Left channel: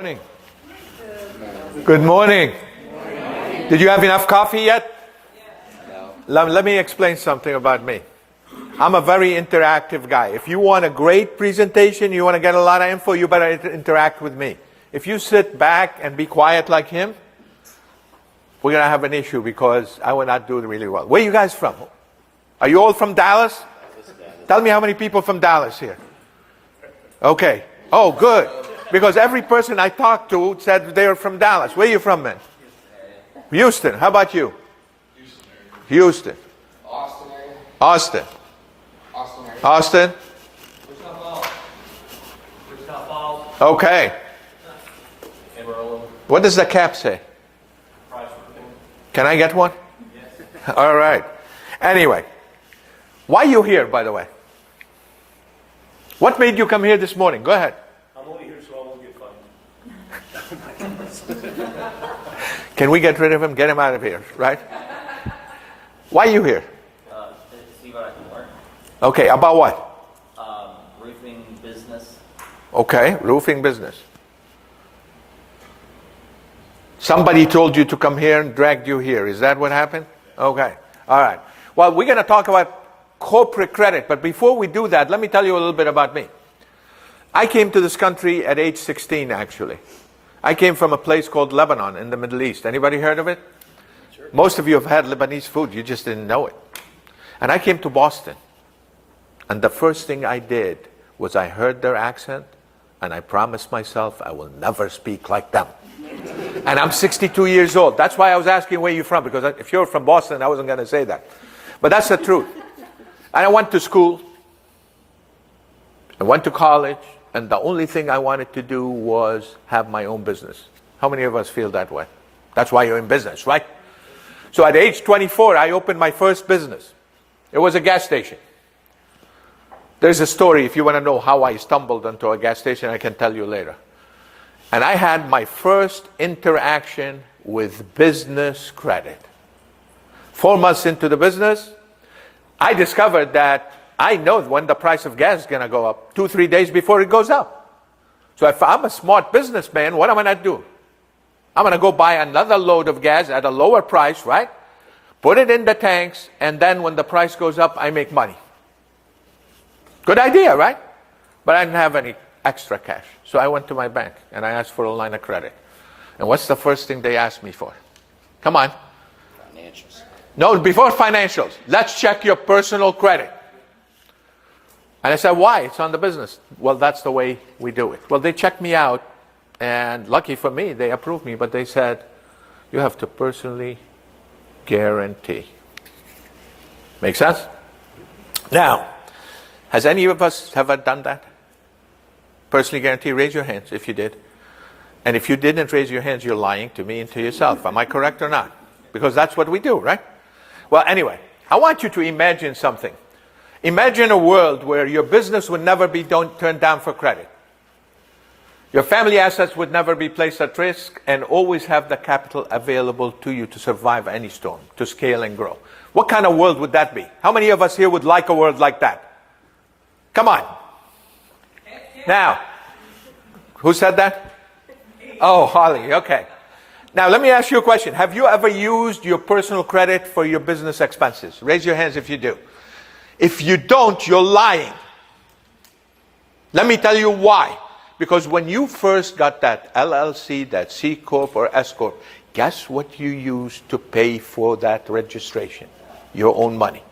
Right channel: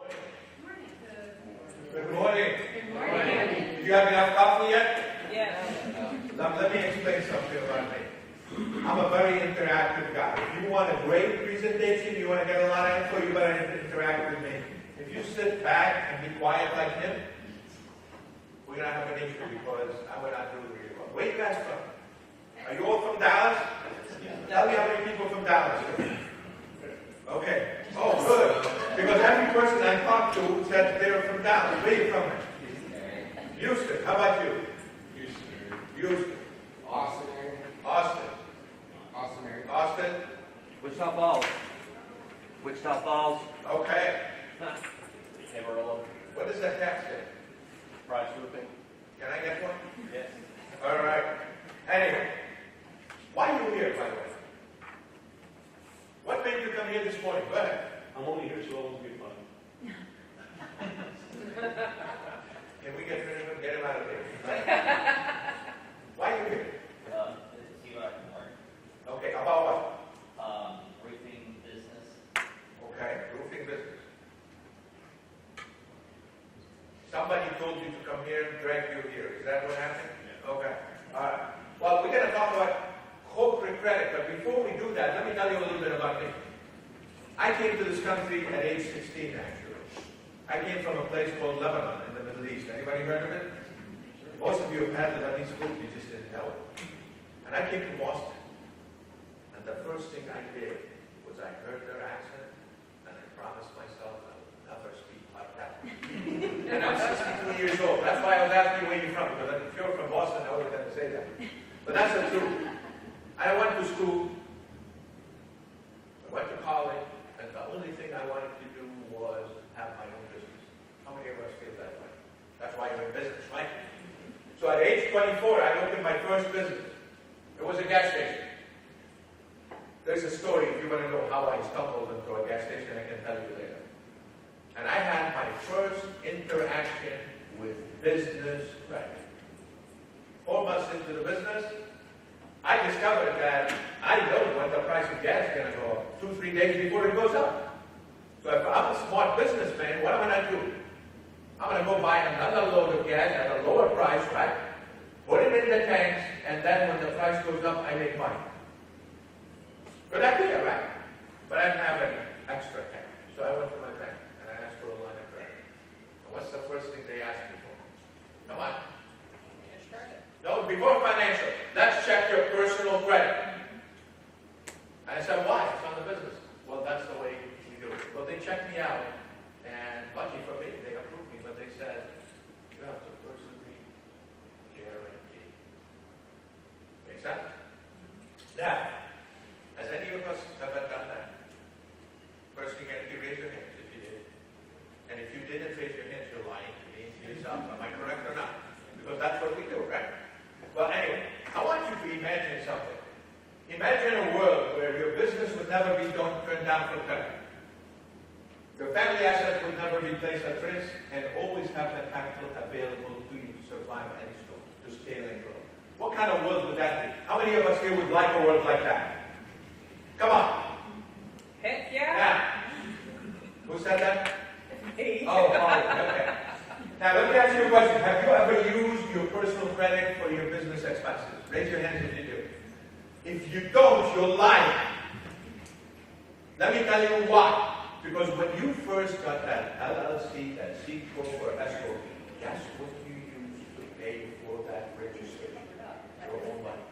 Morning. Good morning. Did you have enough coffee yet? Yes. Let me explain something about me. I'm a very interactive guy. If you want a great presentation, you want to get a lot of info, you better interact with me. If you sit back and be quiet like him, we're going to have an issue because I will not do really well. Where are you guys from? Are you all from Dallas? Tell me how many people from Dallas here. Okay. Oh, good. Because every person I talked to said they were from Dallas. Where are you from, man? Houston. How about you? Houston. Austin. Austin. Wichita Falls. Wichita Falls. Okay. Amarillo. What does the cap say? Price roofing. Can I get one? Yes. All right. Anyway, why are you here, by the way? What made you come here this morning? Go ahead. I'm only here so I can get fun. Can we get rid of him? Get him out of here, right? Why are you here? To see what I can learn. Okay, about what? Roofing business. Okay, roofing business. Somebody told you to come here and dragged you here. Is that what happened? Okay, all right. Well, we're going to talk about corporate credit, but before we do that, let me tell you a little bit about me. I came to this country at age 16, actually. I came from a place called Lebanon in the Middle East. Anybody heard of it? Sure. Most of you have had Lebanese food, you just didn't know it. And I came to Boston. And the first thing I did was I heard their accent, and I promised myself I will never speak like them. And I'm 62 years old. That's why I was asking where you're from, because if you're from Boston, I wasn't going to say that. But that's the truth. And I went to school. I went to college. And the only thing I wanted to do was have my own business. How many of us feel that way? That's why you're in business, right? So at age 24, I opened my first business. It was a gas station. There's a story, if you want to know how I stumbled into a gas station, I can tell you later. And I had my first interaction with business credit. 4 months into the business, I discovered that I know when the price of gas is going to go up, 2-3 days before it goes up. So if I'm a smart businessman, what am I going to do? I'm going to go buy another load of gas at a lower price, right? Put it in the tanks, and then when the price goes up, I make money. Good idea, right? But I didn't have any extra cash. So I went to my bank, and I asked for a line of credit. And what's the first thing they asked me for? Come on. Financials. No, before financials. Let's check your personal credit. And I said, why? It's on the business. Well, that's the way we do it. Well, they checked me out, and lucky for me, they approved me, but they said, you have to personally guarantee. Make sense? Now, has any of us ever done that? Personally guarantee? Raise your hands if you did. And if you didn't raise your hands, you're lying to me and to yourself. Am I correct or not? Because that's what we do, right? Well, anyway, I want you to imagine something. Imagine a world where your business would never be turned down for credit. Your family assets would never be placed at risk and always have the capital available to you to survive any storm, to scale and grow. What kind of world would that be? How many of us here would like a world like that? Come on. Now, who said that? Oh, Holly, okay. Now, let me ask you a question. Have you ever used your personal credit for your business expenses? Raise your hands if you do. If you don't, you're lying. Let me tell you why. Because when you first got that LLC, that C Corp or S Corp, guess what you used to pay for that registration? Your own money.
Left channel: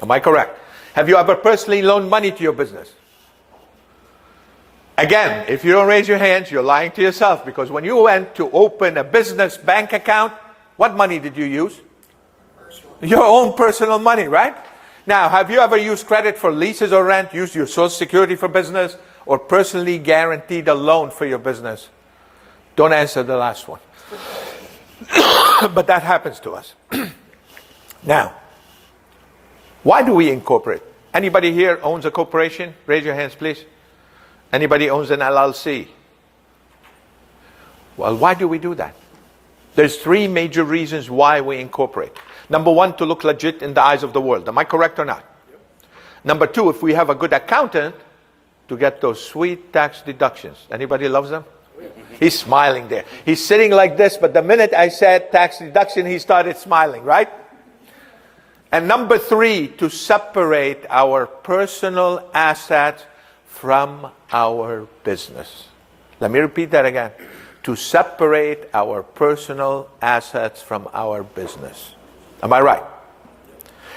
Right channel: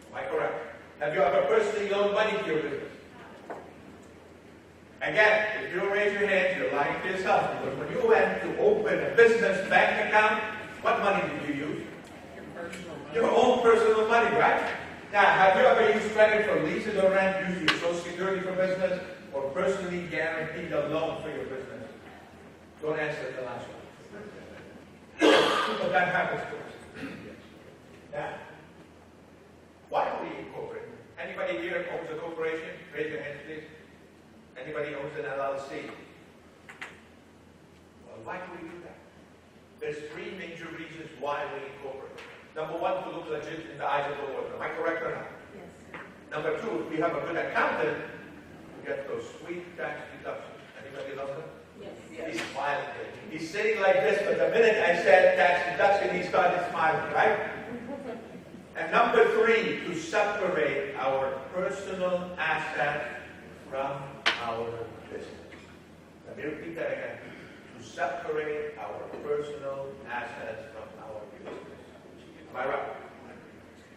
Am I correct? Have you ever personally loaned money to your business? Again, if you don't raise your hands, you're lying to yourself. Because when you went to open a business bank account, what money did you use? Your own personal money, right? Now, have you ever used credit for leases or rent, used your Social Security for business, or personally guaranteed a loan for your business? Don't answer the last one. But that happens to us. Now, why do we incorporate? Anybody here owns a corporation? Raise your hands, please. Anybody owns an LLC? Well, why do we do that? There's 3 major reasons why we incorporate. Number 1, to look legit in the eyes of the world. Am I correct or not? Number 2, if we have a good accountant, to get those sweet tax deductions. Anybody loves them? He's smiling there. He's sitting like this, but the minute I said tax deduction, he started smiling, right? And number 3, to separate our personal assets from our business. Let me repeat that again. To separate our personal assets from our business. Am I right?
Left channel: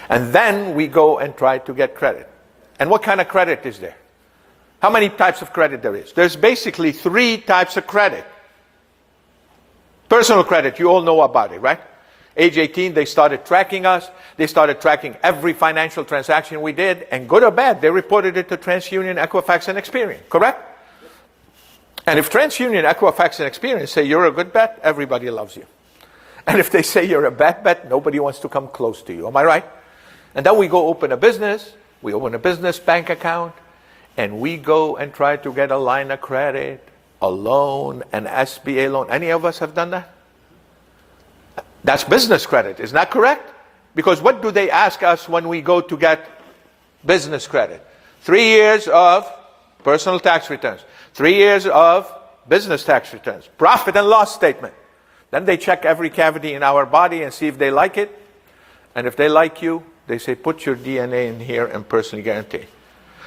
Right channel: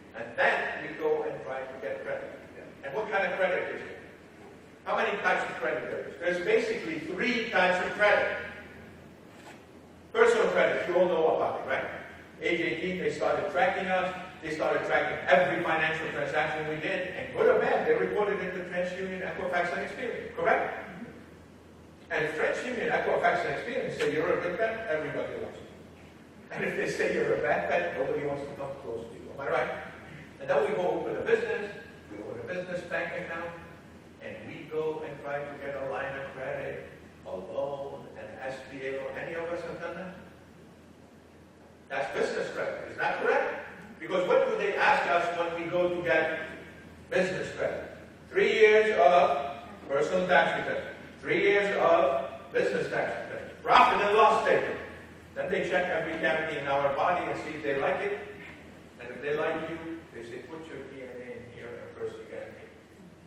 And then we go and try to get credit. And what kind of credit is there? How many types of credit there is? There's basically 3 types of credit. Personal credit, you all know about it, right? Age 18, they started tracking us. They started tracking every financial transaction we did. And good or bad, they reported it to TransUnion, Equifax, and Experian, correct? And if TransUnion, Equifax, and Experian say you're a good bet, everybody loves you. And if they say you're a bad bet, nobody wants to come close to you. Am I right? And then we go open a business. We open a business bank account. And we go and try to get a line of credit, a loan, an SBA loan. Any of us have done that? That's business credit. Isn't that correct? Because what do they ask us when we go to get business credit? 3 years of personal tax returns. 3 years of business tax returns. Profit and loss statement. Then they check every cavity in our body and see if they like it. And if they like you, they say, put your DNA in here and personally guarantee.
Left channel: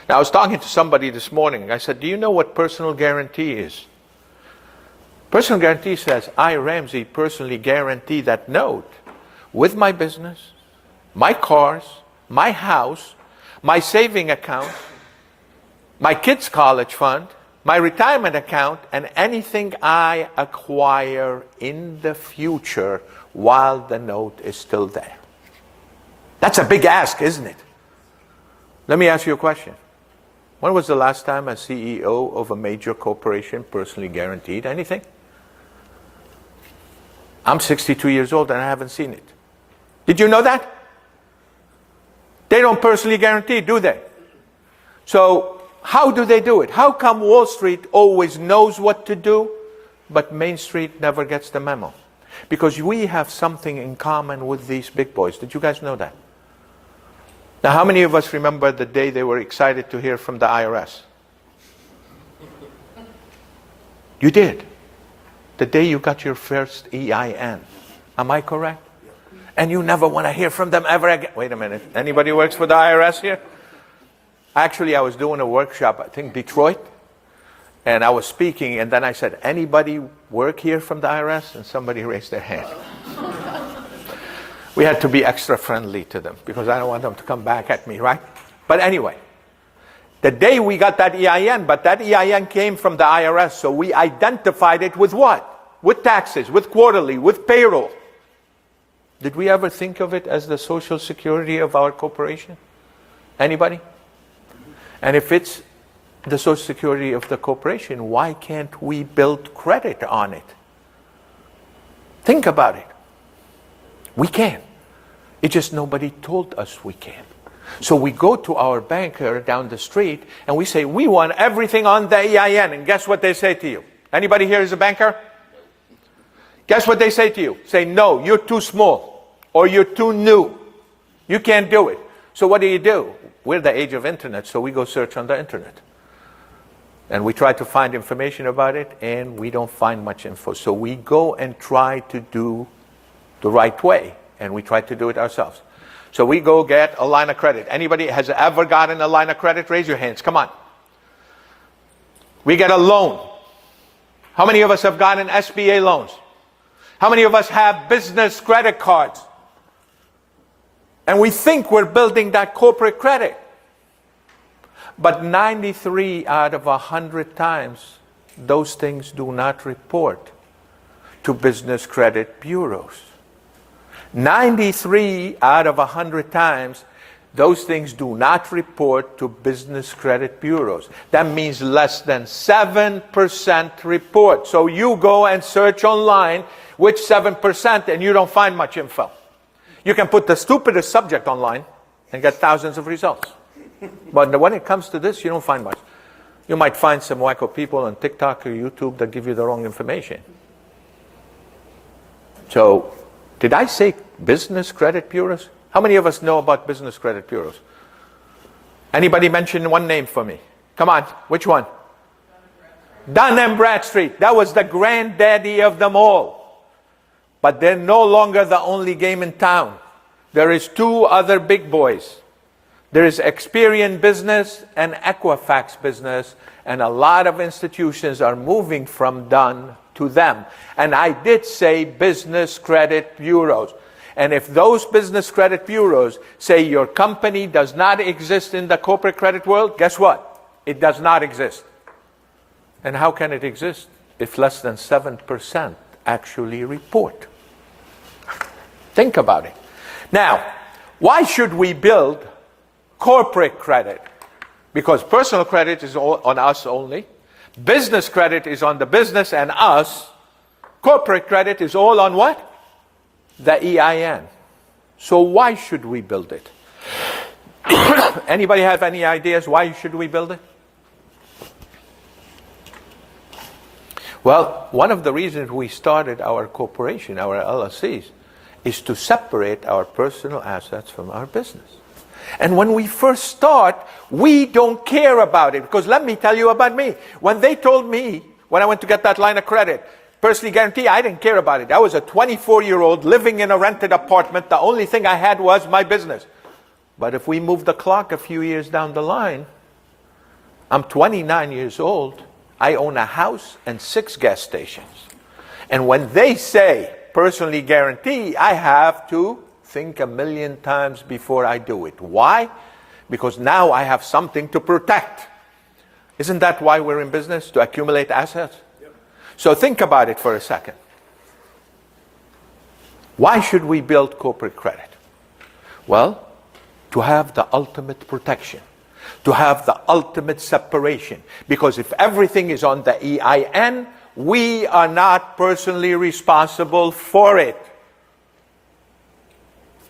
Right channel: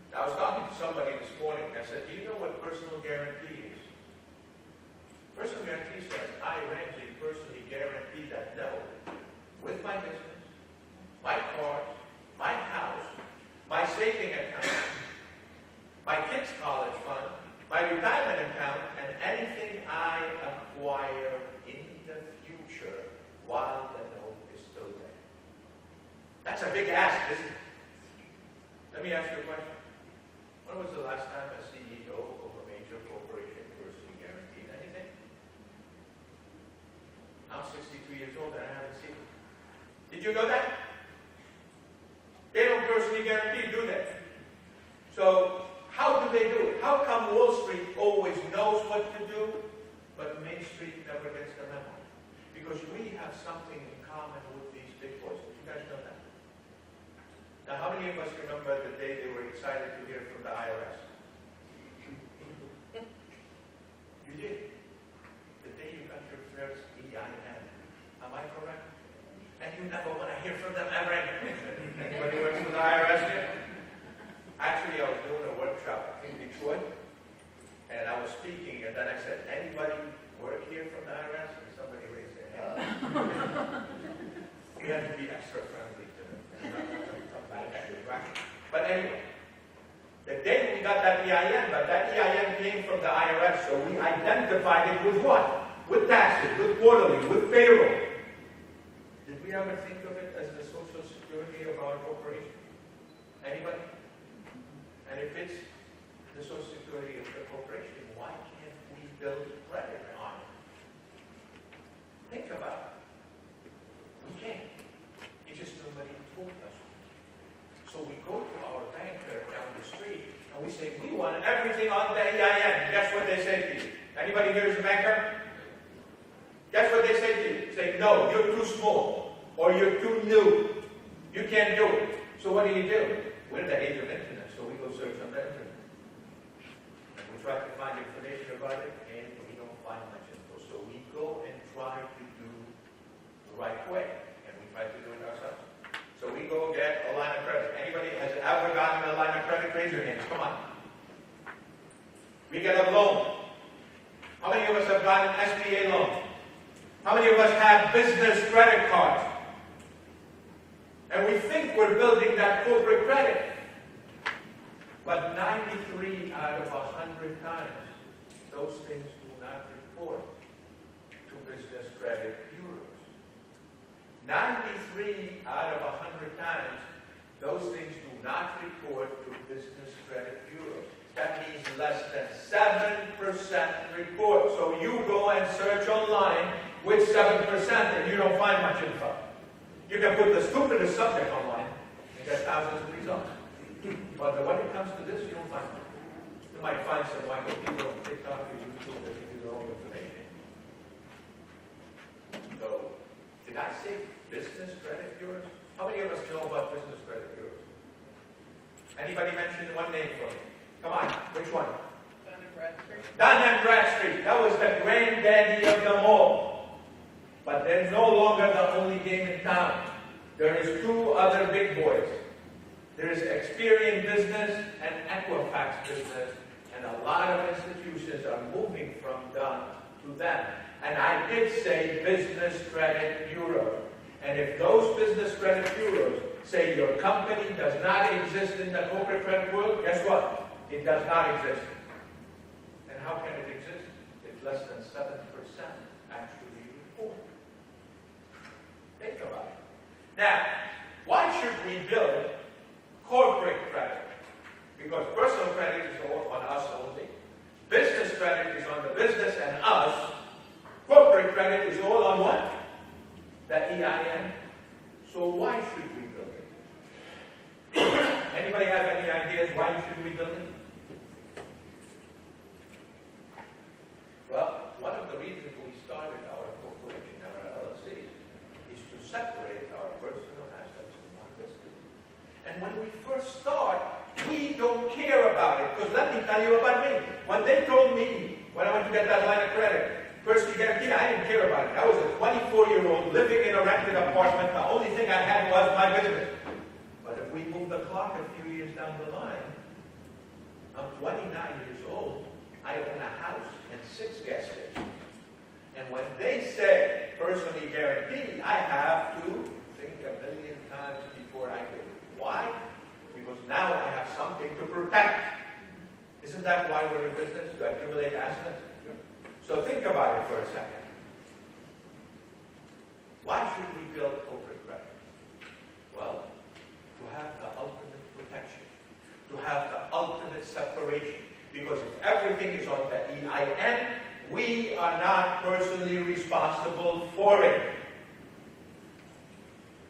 Now, I was talking to somebody this morning. I said, do you know what personal guarantee is? Personal guarantee says, I, Ramzi, personally guarantee that note with my business, my cars, my house, my saving account, my kids' college fund, my retirement account, and anything I acquire in the future while the note is still there. That's a big ask, isn't it? Let me ask you a question. When was the last time a CEO of a major corporation personally guaranteed anything? I'm 62 years old and I haven't seen it. Did you know that? They don't personally guarantee, do they? So how do they do it? How come Wall Street always knows what to do, but Main Street never gets the memo? Because we have something in common with these big boys. Did you guys know that? Now, how many of us remember the day they were excited to hear from the IRS? You did. The day you got your first EIN. Am I correct? And you never want to hear from them ever again. Wait a minute. Anybody works for the IRS here? Actually, I was doing a workshop, I think Detroit, and I was speaking, and then I said, anybody work here from the IRS? And somebody raised their hand. We had to be extra friendly to them because I don't want them to come back at me, right? But anyway, the day we got that EIN, but that EIN came from the IRS, so we identified it with what? With taxes, with quarterly, with payroll. Did we ever think of it as the Social Security of our corporation? Anybody? And if it's the Social Security of the corporation, why can't we build credit on it? Think about it. We can. It's just nobody told us we can. So we go to our banker down the street and we say, we want everything on the EIN. And guess what they say to you? Anybody here is a banker? Guess what they say to you? Say, no, you're too small or you're too new. You can't do it. So what do? We're the age of internet, so we go search on the internet. And we try to find information about it, and we don't find much info. So we go and try to do the right way, and we try to do it ourselves. So we go get a line of credit. Anybody has ever gotten a line of credit? Raise your hands. Come on. We get a loan. How many of us have gotten SBA loans? How many of us have business credit cards? And we think we're building that corporate credit. But 93 out of 100 times, those things do not report to business credit bureaus. 93 out of 100 times, those things do not report to business credit bureaus. That means less than 7% report. So you go and search online which 7% and you don't find much info. You can put the stupidest subject online and get thousands of results. But when it comes to this, you don't find much. You might find some wacko people on TikTok or YouTube that give you the wrong information. So, did I say business credit bureaus? How many of us know about business credit bureaus? Anybody mention one name for me? Come on, which one? Dun and Bradstreet, that was the granddaddy of them all. But they're no longer the only game in town. There is two other big boys. There is Experian Business and Equifax Business, and a lot of institutions are moving from Dun to them. And I did say business credit bureaus. And if those business credit bureaus say your company does not exist in the corporate credit world, guess what? It does not exist. And how can it exist if less than 7% actually report? Think about it. Now, why should we build corporate credit? Because personal credit is on us only. Business credit is on the business and us. Corporate credit is all on what? The EIN. So why should we build it? Anybody have any ideas why should we build it? Well, one of the reasons we started our corporation, our LLCs, is to separate our personal assets from our business. And when we first start, we don't care about it. Because let me tell you about me. When they told me, when I went to get that line of credit, personally guarantee, I didn't care about it. I was a 24-year-old living in a rented apartment. The only thing I had was my business. But if we move the clock a few years down the line, I'm 29 years old. I own a house and 6 gas stations. And when they say personally guarantee, I have to think a million times before I do it. Why? Because now I have something to protect. Isn't that why we're in business? To accumulate assets? Yep. So think about it for a second. Why should we build corporate credit? Well, to have the ultimate protection. To have the ultimate separation. Because if everything is on the EIN, we are not personally responsible for it.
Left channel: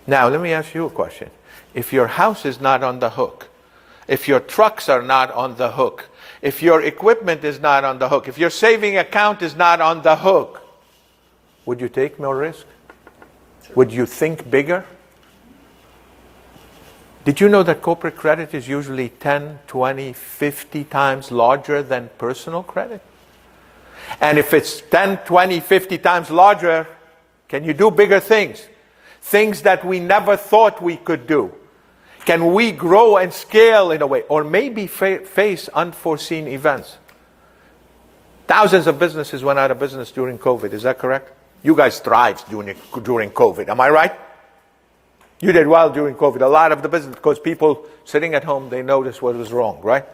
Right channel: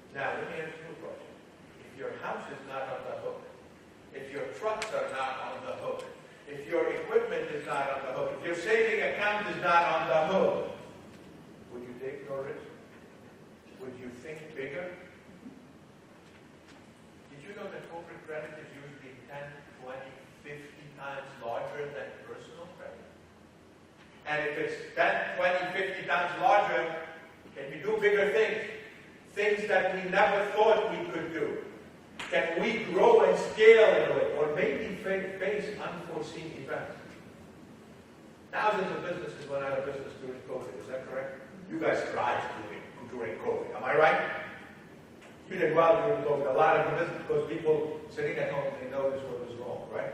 Now, let me ask you a question. If your house is not on the hook, if your trucks are not on the hook, if your equipment is not on the hook, if your saving account is not on the hook, would you take more risk? Would you think bigger? Did you know that corporate credit is usually 10, 20, 50 times larger than personal credit? And if it's 10, 20, 50 times larger, can you do bigger things? Things that we never thought we could do. Can we grow and scale in a way? Or maybe face unforeseen events? Thousands of businesses went out of business during COVID. Is that correct? You guys thrived during COVID. Am I right? You did well during COVID. A lot of the business, because people sitting at home, they noticed what was wrong, right?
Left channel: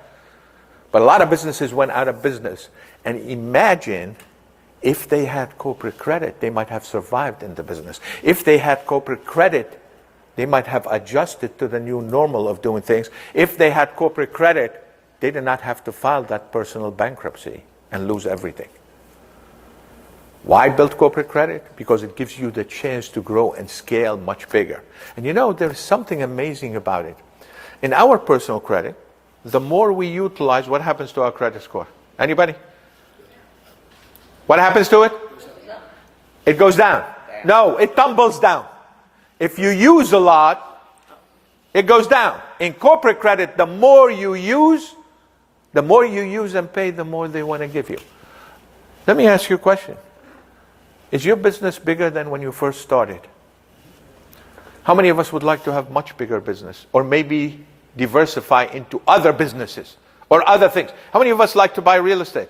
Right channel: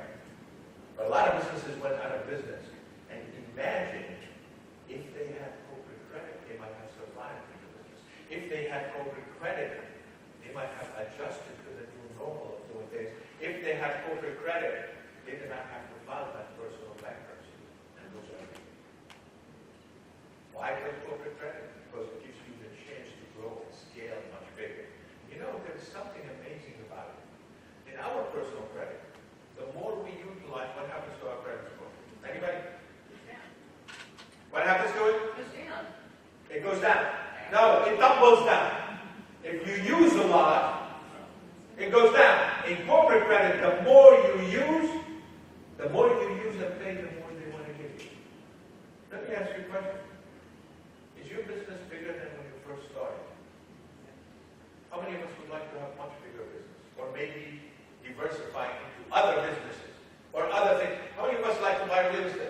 But a lot of businesses went out of business. And imagine if they had corporate credit, they might have survived in the business. If they had corporate credit, they might have adjusted to the new normal of doing things. If they had corporate credit, they did not have to file that personal bankruptcy and lose everything. Why build corporate credit? Because it gives you the chance to grow and scale much bigger. And you know, there's something amazing about it. In our personal credit, the more we utilize, what happens to our credit score? Anybody? What happens to it? It goes down. No, it tumbles down. If you use a lot, it goes down. In corporate credit, the more you use and pay, the more they want to give you. Let me ask you a question. Is your business bigger than when you first started? How many of us would like to have much bigger business? Or maybe diversify into other businesses or other things? How many of us like to buy real estate?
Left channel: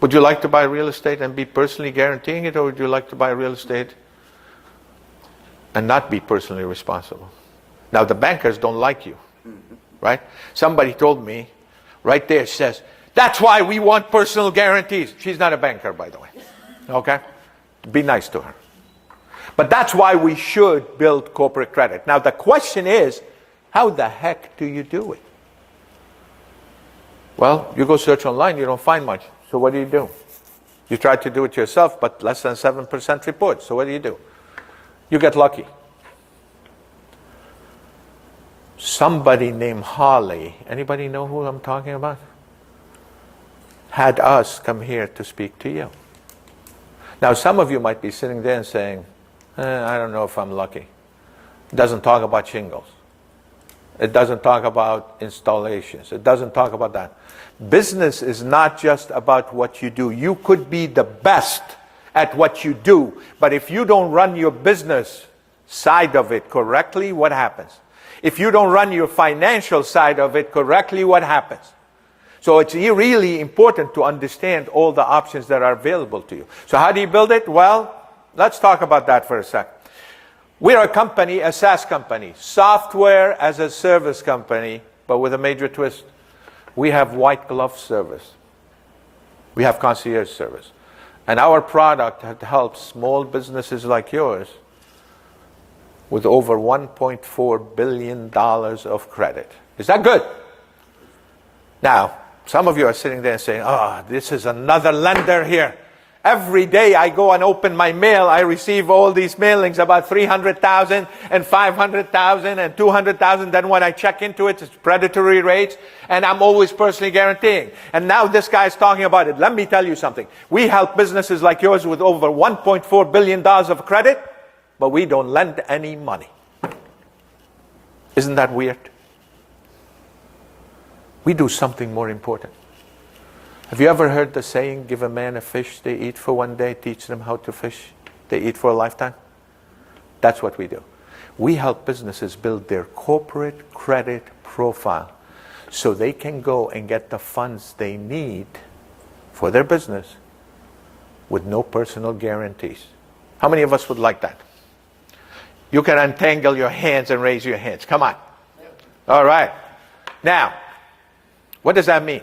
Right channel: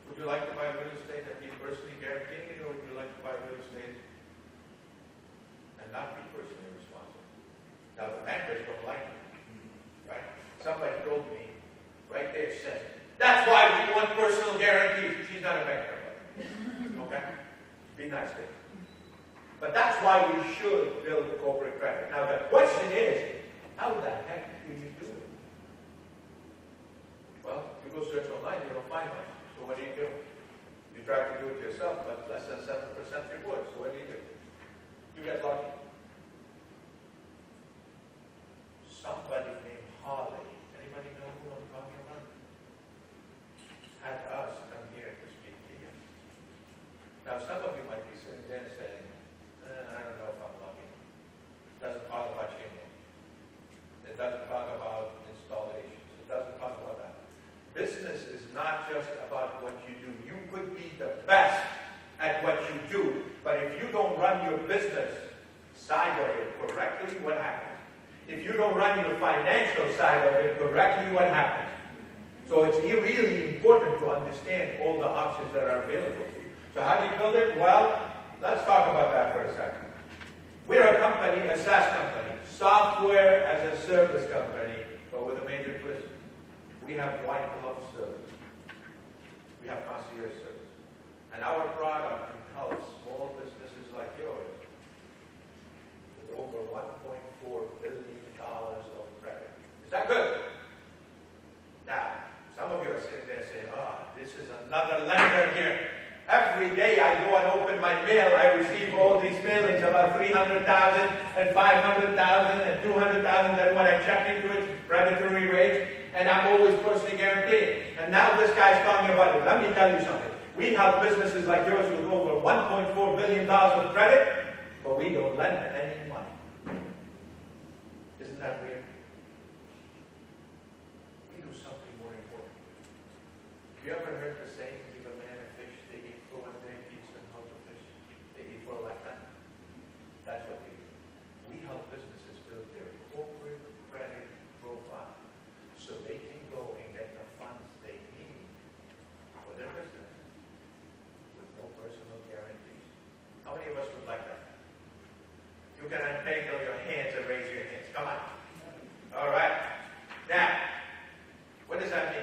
Would you like to buy real estate and be personally guaranteeing it, or would you like to buy real estate and not be personally responsible? Now, the bankers don't like you, right? Somebody told me, right there, says, that's why we want personal guarantees. She's not a banker, by the way, okay? Be nice to her. But that's why we should build corporate credit. Now, the question is, how the heck do you do it? Well, you go search online, you don't find much. So what do? You try to do it yourself, but less than 7% report. So what do? You get lucky. Somebody named Holly, anybody know who I'm talking about? Had us come here to speak to you. Now, some of you might be sitting there and saying, I don't know if I'm lucky. It doesn't talk about shingles. It doesn't talk about installations. It doesn't talk about that. Business is not just about what you do. You could be the best at what you do, but if you don't run your business side of it correctly, what happens? If you don't run your financial side of it correctly, what happens? So it's really important to understand all the options that are available to you. So how do you build it? Well, let's talk about that for a second. We're a company, a SaaS company, software as a service company, but with a major twist. We have white glove service. We have concierge service. And our product helps small businesses like yours with over $1.4 billion of credit. Is that good? Now, some of you are sitting there saying, oh, this is another lender here. Every day I go and open my mail, I receive all these mailings about 300,000 and 500,000 and 200,000. Then when I check into it, it's predatory rates, and I'm always personally guaranteeing. And now this guy's talking about it. Let me tell you something. We help businesses like yours with over $1.4 billion of credit, but we don't lend any money. Isn't that weird? We do something more important. Have you ever heard the saying, give a man a fish they eat for one day, teach them how to fish they eat for a lifetime? That's what we do. We help businesses build their corporate credit profile so they can go and get the funds they need for their business with no personal guarantees. How many of us would like that? You can untangle your hands and raise your hands. Come on. All right. Now, what does that mean?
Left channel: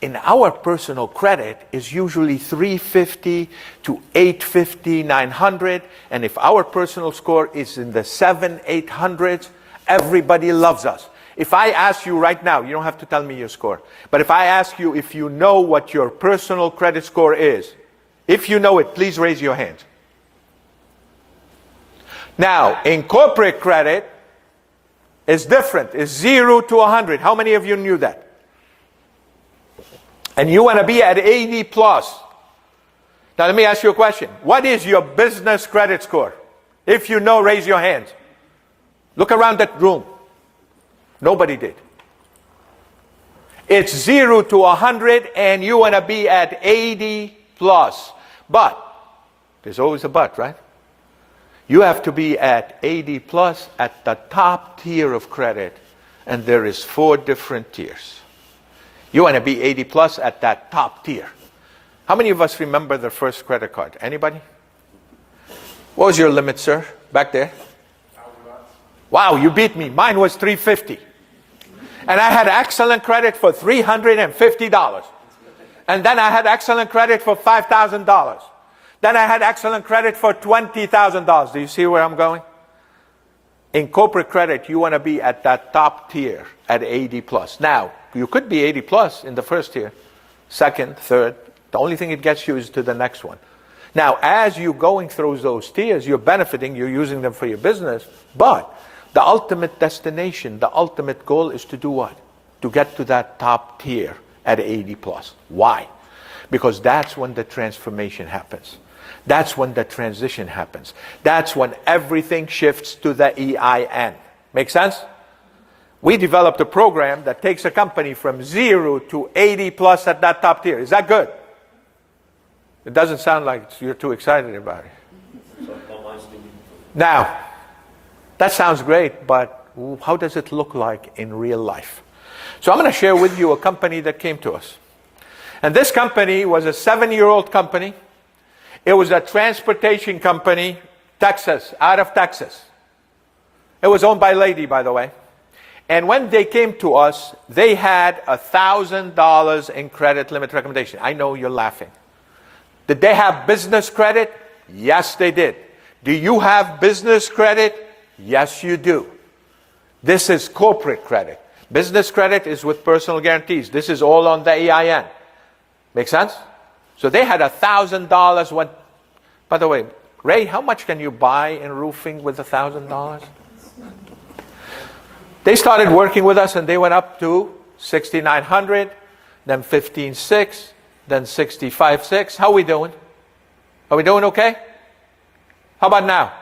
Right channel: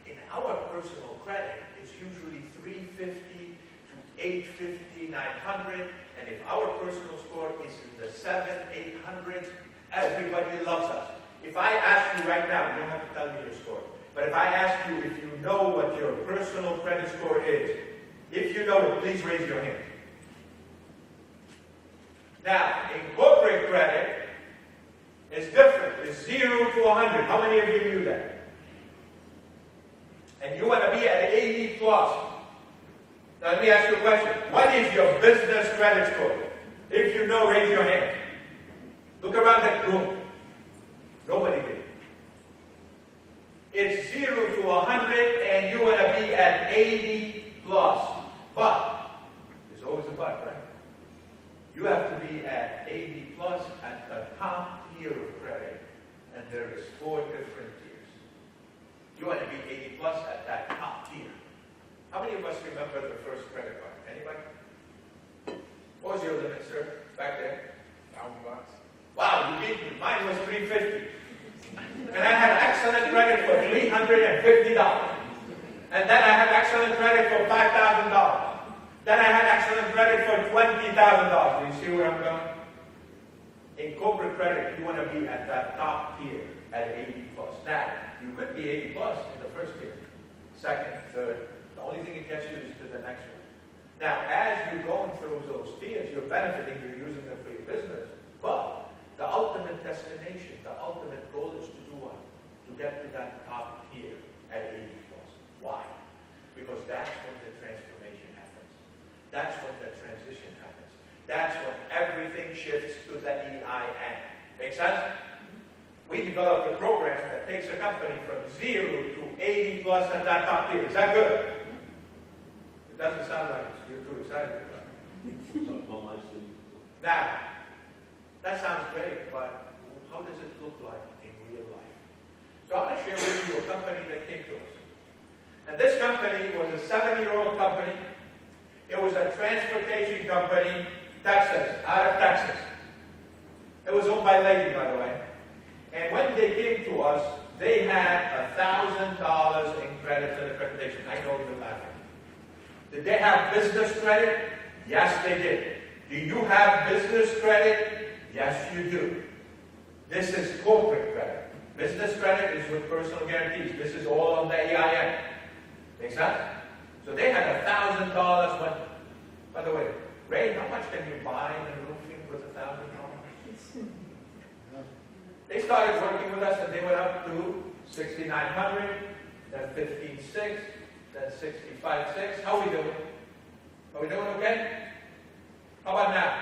In our personal credit is usually 350 to 850, 900. And if our personal score is in the 700, 800s, everybody loves us. If I ask you right now, you don't have to tell me your score, but if I ask you if you know what your personal credit score is, if you know it, please raise your hand. Now, in corporate credit, it's different. It's 0 to 100. How many of you knew that? And you want to be at 80 plus. Now let me ask you a question. What is your business credit score? If you know, raise your hand. Look around that room. Nobody did. It's 0 to 100 and you want to be at 80 plus. But, there's always a but, right? You have to be at 80 plus at the top tier of credit, and there is 4 different tiers. You want to be 80 plus at that top tier. How many of us remember their first credit card? Anybody? What was your limit, sir? Back there? Wow, you beat me. Mine was $350. And I had excellent credit for $350. And then I had excellent credit for $5,000. Then I had excellent credit for $20,000. Do you see where I'm going? In corporate credit, you want to be at that top tier at 80 plus. Now, you could be 80 plus in the first tier, second, third. The only thing it gets you is to the next one. Now, as you're going through those tiers, you're benefiting, you're using them for your business, but the ultimate destination, the ultimate goal is to do what? To get to that top tier at 80 plus. Why? Because that's when the transformation happens. That's when the transition happens. That's when everything shifts to the EIN. Make sense? We developed a program that takes a company from 0 to 80 plus at that top tier. Is that good? It doesn't sound like you're too excited about it. Now, that sounds great, but how does it look like in real life? So I'm going to share with you a company that came to us. And this company was a 7-year-old company. It was a transportation company, Texas, out of Texas. It was owned by a lady, by the way. And when they came to us, they had $1,000 in credit limit recommendation. I know you're laughing. Did they have business credit? Yes, they did. Do you have business credit? Yes, you do. This is corporate credit. Business credit is with personal guarantees. This is all on the EIN. Make sense? So they had $1,000 when, by the way, Ray, how much can you buy in roofing with $1,000? They started working with us and they went up to $6,900, then $15,600, then $65,600. How are we doing? Are we doing okay? How about now?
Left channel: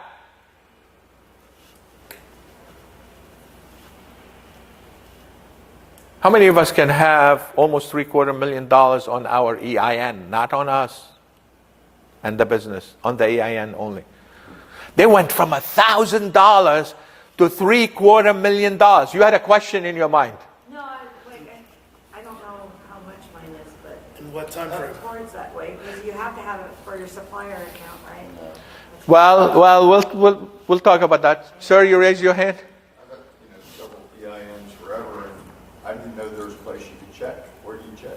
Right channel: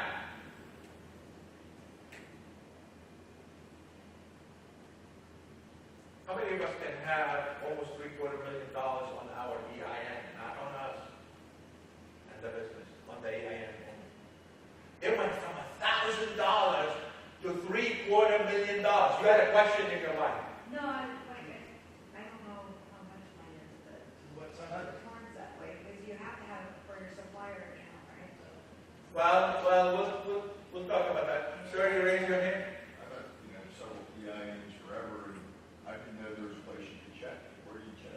How many of us can have almost $750,000 on our EIN, not on us and the business, on the EIN only? They went from $1,000 to $750,000. You had a question in your mind. No, I don't know how much mine is, but In what time frame? towards that way, because you have to have it for your supplier account, right? Well, we'll talk about that. Sir, you raise your hand. I've had, several EINs forever, and I didn't know there was a place you could check. Where do you check?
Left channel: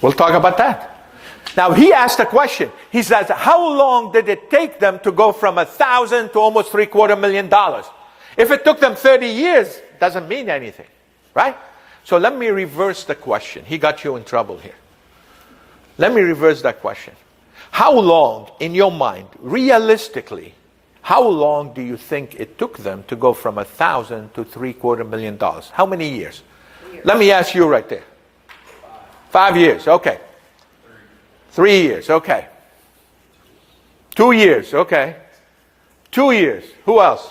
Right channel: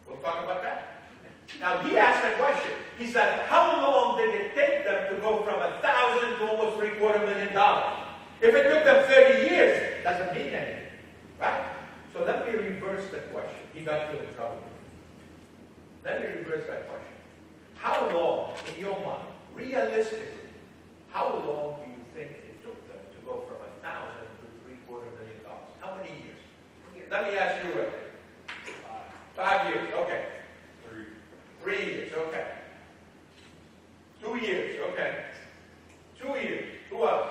We'll talk about that. Now, he asked a question. He says, how long did it take them to go from $1,000 to almost $750,000? If it took them 30 years, doesn't mean anything, right? So let me reverse the question. He got you in trouble here. Let me reverse that question. How long, in your mind, realistically, how long do you think it took them to go from $1,000 to $750,000? How many years? Let me ask you right there. 5 years, okay. 3 years, okay. 2 years, okay. 2 years, who else?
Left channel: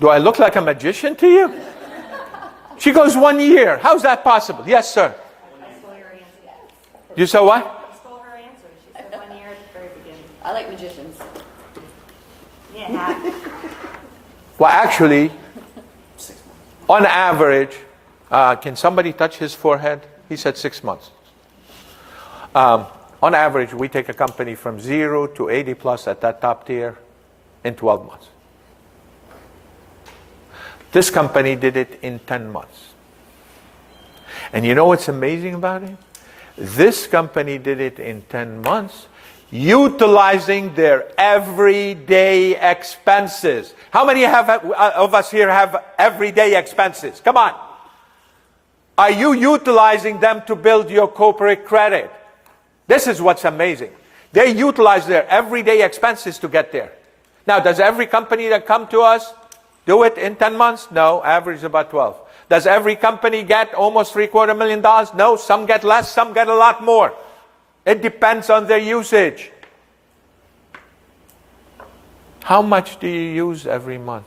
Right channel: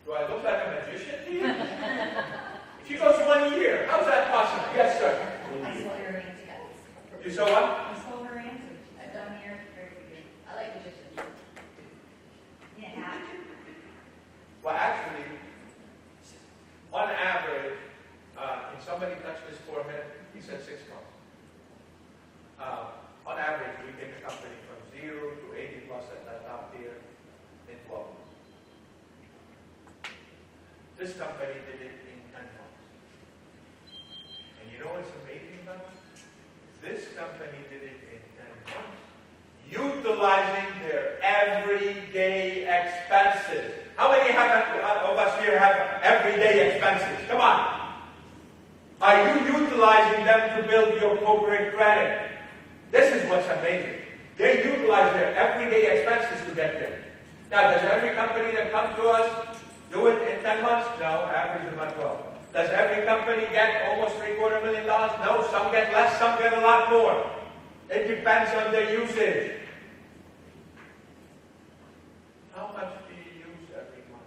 Do I look like a magician to you? She goes 1 year. How's that possible? Yes, sir. You saw what? I stole her answer. She said 1 year at the very beginning. I like magicians. Yeah. Well, actually, on average, can somebody touch his forehead? He said 6 months. On average, we take a company from 0 to 80 plus at that top tier in 12 months. This company did it in 10 months. And you know what's amazing about it? This company did it in 10 months, utilizing their everyday expenses. How many of us here have everyday expenses? Come on. Are you utilizing them to build your corporate credit? This is what's amazing. They utilize their everyday expenses to get there. Now, does every company that come to us do it in 10 months? No, average about 12. Does every company get almost $750,000? No, some get less, some get a lot more. It depends on their usage. How much do you use every month?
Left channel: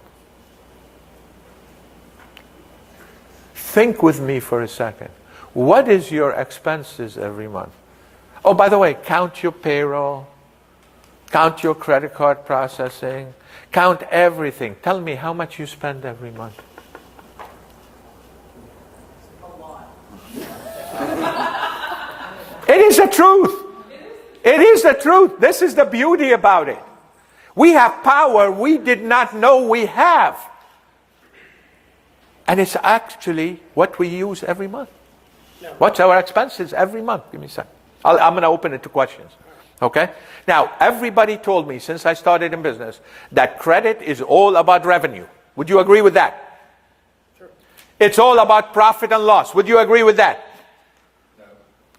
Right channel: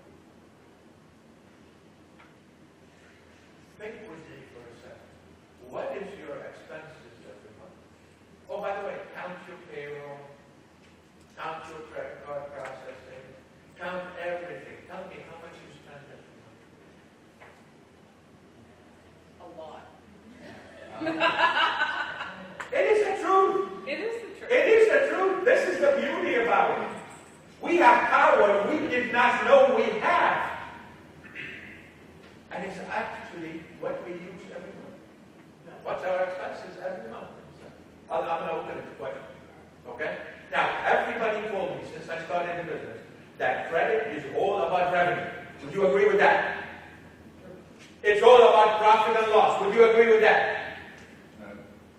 Think with me for a second. What is your expenses every month? Oh, by the way, count your payroll, count your credit card processing, count everything. Tell me how much you spend every month. It is the truth. It is the truth. This is the beauty about it. We have power we did not know we have. And it's actually what we use every month. What's our expenses every month? Give me a second. I'm going to open it to questions. Okay? Now, everybody told me since I started in business that credit is all about revenue. Would you agree with that? It's all about profit and loss. Would you agree with that?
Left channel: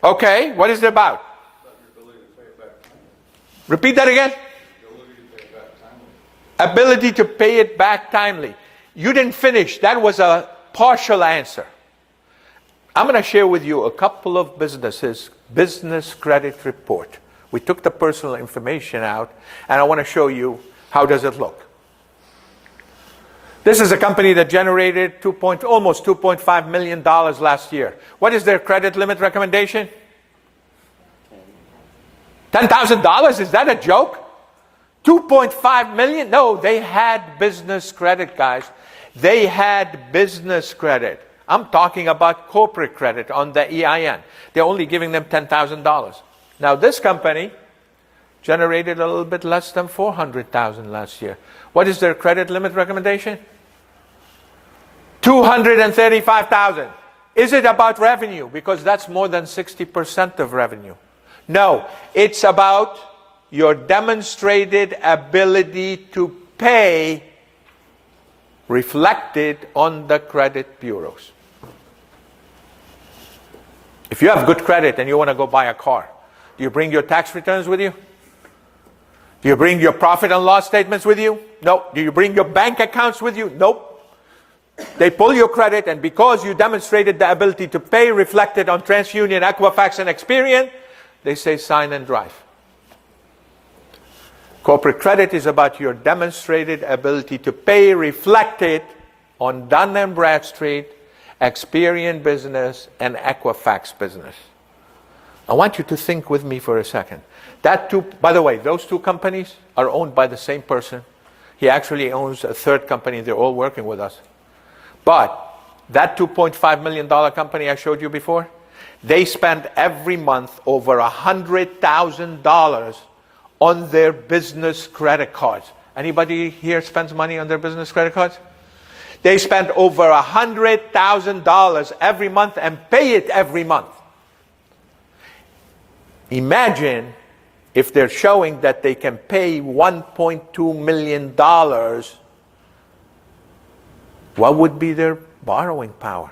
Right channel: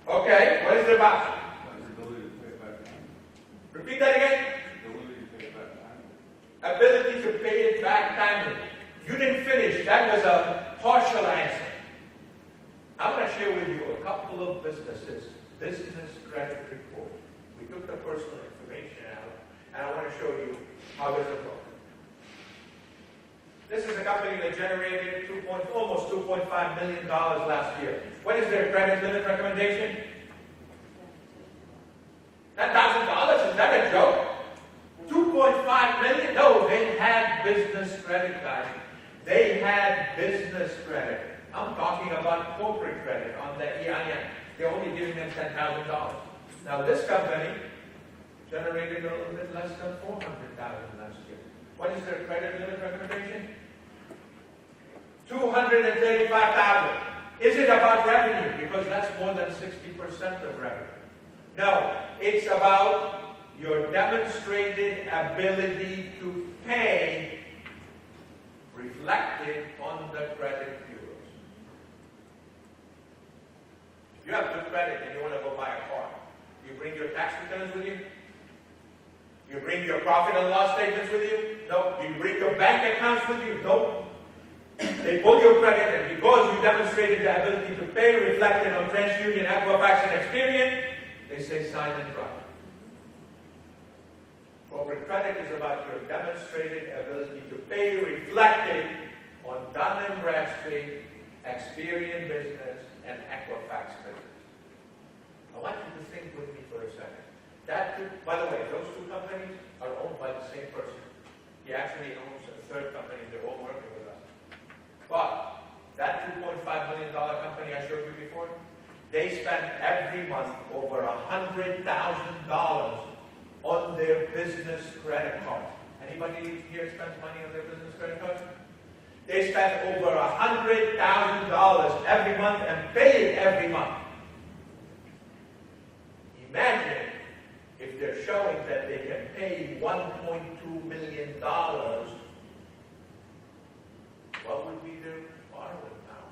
Okay, what is it about? Repeat that again. Ability to pay it back timely. You didn't finish. That was a partial answer. I'm going to share with you a couple of businesses' business credit report. We took the personal information out, and I want to show you how does it look. This is a company that generated almost $2.5 million last year. What is their credit limit recommendation? $10,000? Is that a joke? 2.5 million? No, they had business credit, guys. They had business credit. I'm talking about corporate credit on the EIN. They're only giving them $10,000. Now, this company generated a little bit less than $400,000 last year. What is their credit limit recommendation? $235,000. Is it about revenue? Because that's more than 60% of revenue. No, it's about your demonstrated ability to pay reflected on the credit bureaus. If you have good credit and you want to go buy a car, do you bring your tax returns with you? Do you bring your profit and loss statements with you? No. Do you bring your bank accounts with you? Nope. They pull your credit, and because you demonstrated the ability to pay reflected on TransUnion, Equifax, and Experian, they say sign and drive. Corporate credit is about your demonstrated ability to pay reflected on Dun & Bradstreet, Experian Business, and Equifax Business. I want you to think with me for a second. By the way, those two companies are owned by the same person. He actually owns a third company. They're all working with us. But that $2.5 million company I showed you before, they spend every month over $100,000 on their business credit cards. Anybody here spends money on their business credit cards? They spend over $100,000 every month and pay it every month. Imagine if they're showing that they can pay $1.2 million, what would be their borrowing power?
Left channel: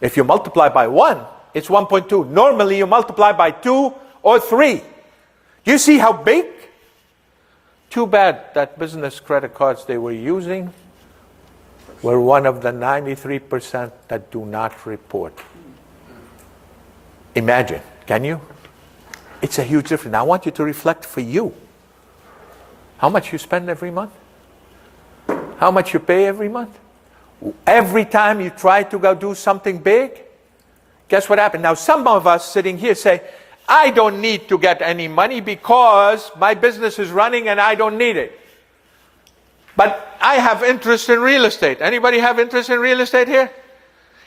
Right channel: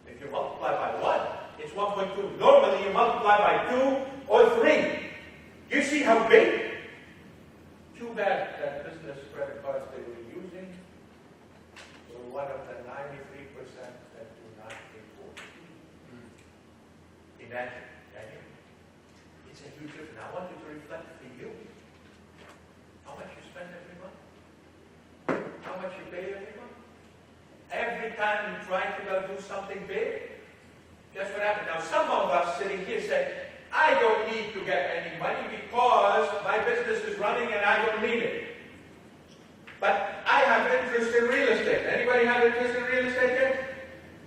If you multiply by 1, it's 1.2. Normally you multiply by 2 or 3. You see how big? Too bad that business credit cards they were using were one of the 93% that do not report. Imagine, can you? It's a huge difference. Now I want you to reflect for you. How much you spend every month? How much you pay every month? Every time you try to go do something big, guess what happened? Now some of us sitting here say, I don't need to get any money because my business is running and I don't need it. But I have interest in real estate. Anybody have interest in real estate here?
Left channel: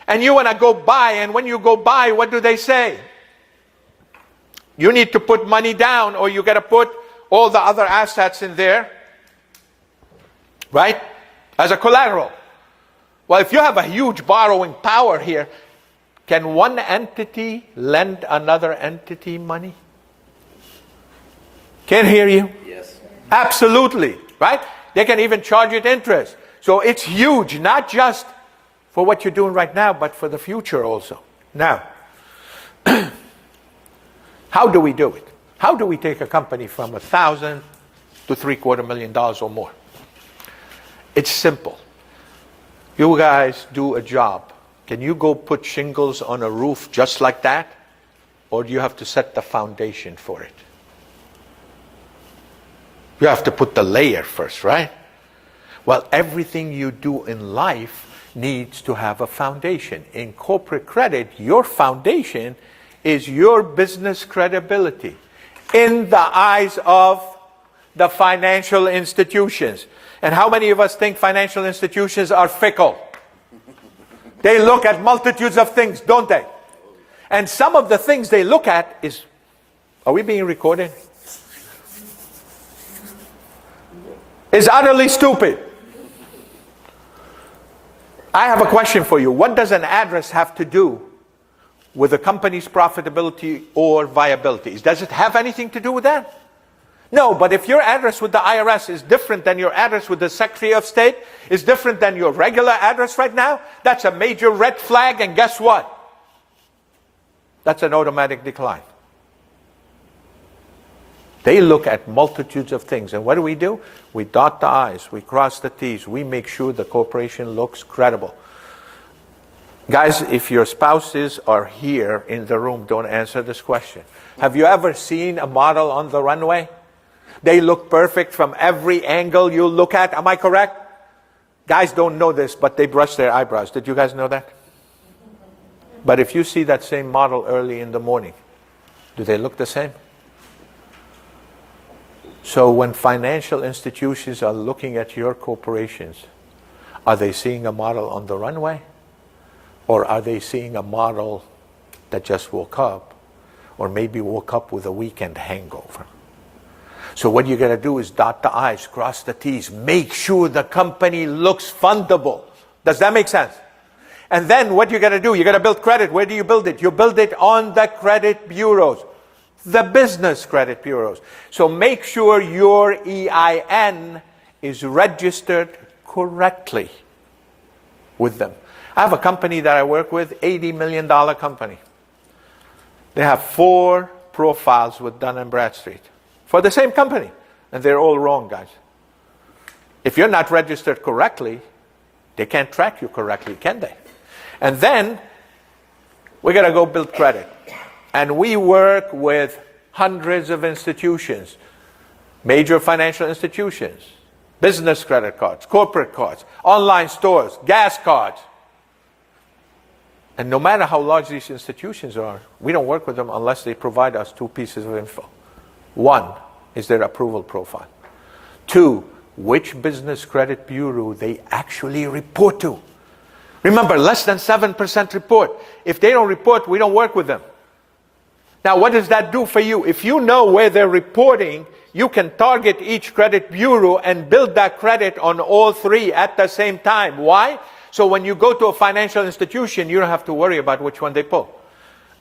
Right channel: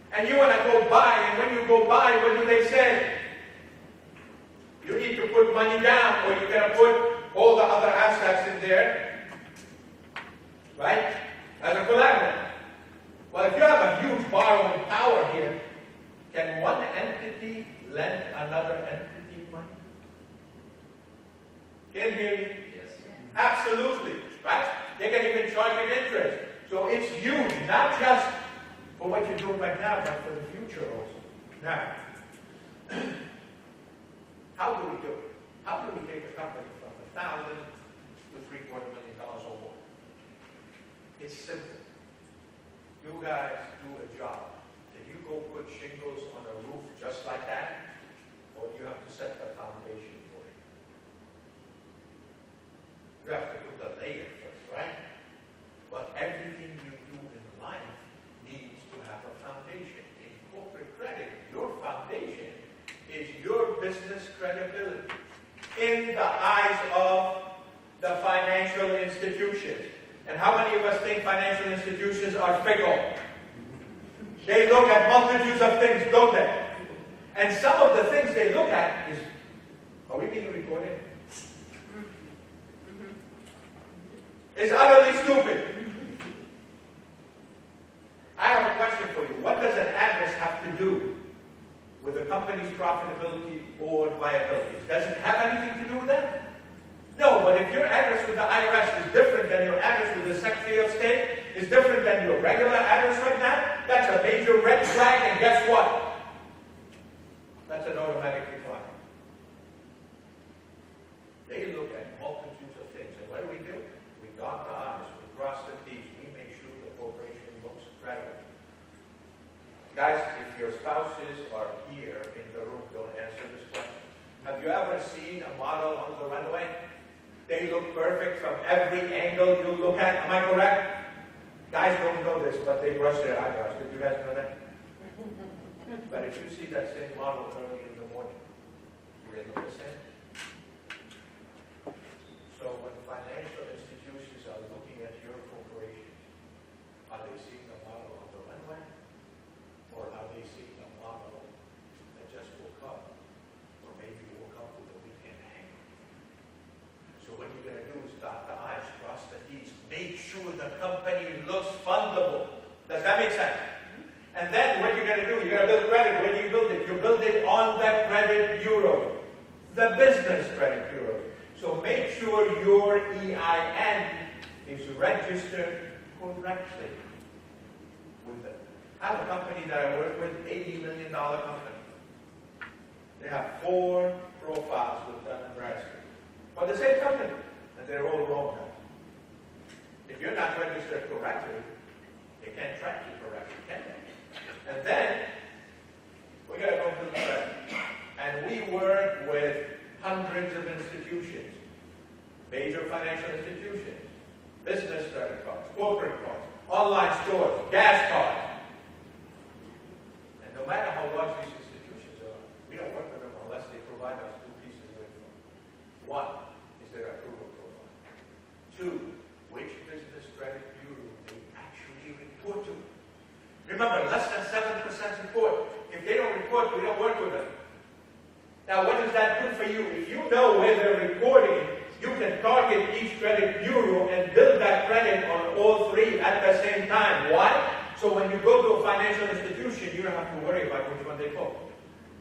And you want to go buy, and when you go buy, what do they say? You need to put money down, or you got to put all the other assets in there, right? As a collateral. Well, if you have a huge borrowing power here, can one entity lend another entity money? Can't hear you? Yes. Absolutely, right? They can even charge it interest. So it's huge, not just for what you're doing right now, but for the future also. Now, how do we do it? How do we take a company from $1,000 to $750,000 or more? It's simple. You guys do a job. Can you go put shingles on a roof just like that? Or do you have to set the foundation for it? You have to put the layer first, right? Well, everything you do in life needs to have a foundation. In corporate credit, your foundation is your business credibility in the eyes of the financial institutions. And how many of us think financial institutions are fickle? They look at multitudes of things, don't they? And some of the things they look at is, are we being recorded? Is utterly stupid. I have a question for you. What does an address have to do with a company's profitability or viability? Does it have anything to do with that? No, but if your address with the IRS is different than your address with the Secretary of State, is different than your regular address right now, that's a major red flag, and guess what? That's an automatic decline. They look at multitudes of things, and what do? We dot the I's, we cross the T's, we make sure the corporation looks credible. Guys, if your spouses are here in the room, don't answer this question. Have you ever seen a model on the runway? They look perfect from every angle you look at. Am I correct? Guys don't know this, but they brush their eyebrows. Did you guys know that? But if you see that same model early in the morning, do they look the same? So when financial institutions are looking at your corporations, are they seeing a model on the runway? Or are they seeing a model that just woke up, or maybe woke up with a weekend hangover? So what you got to do is dot the I's, cross the T's, make sure the company looks fundable. Does that make sense? And then what you got to do, you got to build credit. Where do you build it? You build it on the credit bureaus, the business credit bureaus. So make sure your EIN is registered correctly with them. I have a company that I work with, $80 million company. They have 4 profiles with Dun & Bradstreet for the same company. And they're all wrong, guys. If you're not registered correctly, they can't track you correctly, can they? And then we got to go build credit. And we work with hundreds of institutions, major financial institutions, business credit cards, corporate cards, online stores, gas cards. And no matter how large these institutions are, we don't work with them unless they provide us two pieces of info. One is their approval profile. Two, which business credit bureau they actually report to. Remember, less than 7% report. If they don't report, we don't work with them. Now, what does that do for you? If you know where they're reporting, you can target each credit bureau and build that credit on all three at the same time. Why? So when you go to a financial institution, you don't have to worry about which one they pull.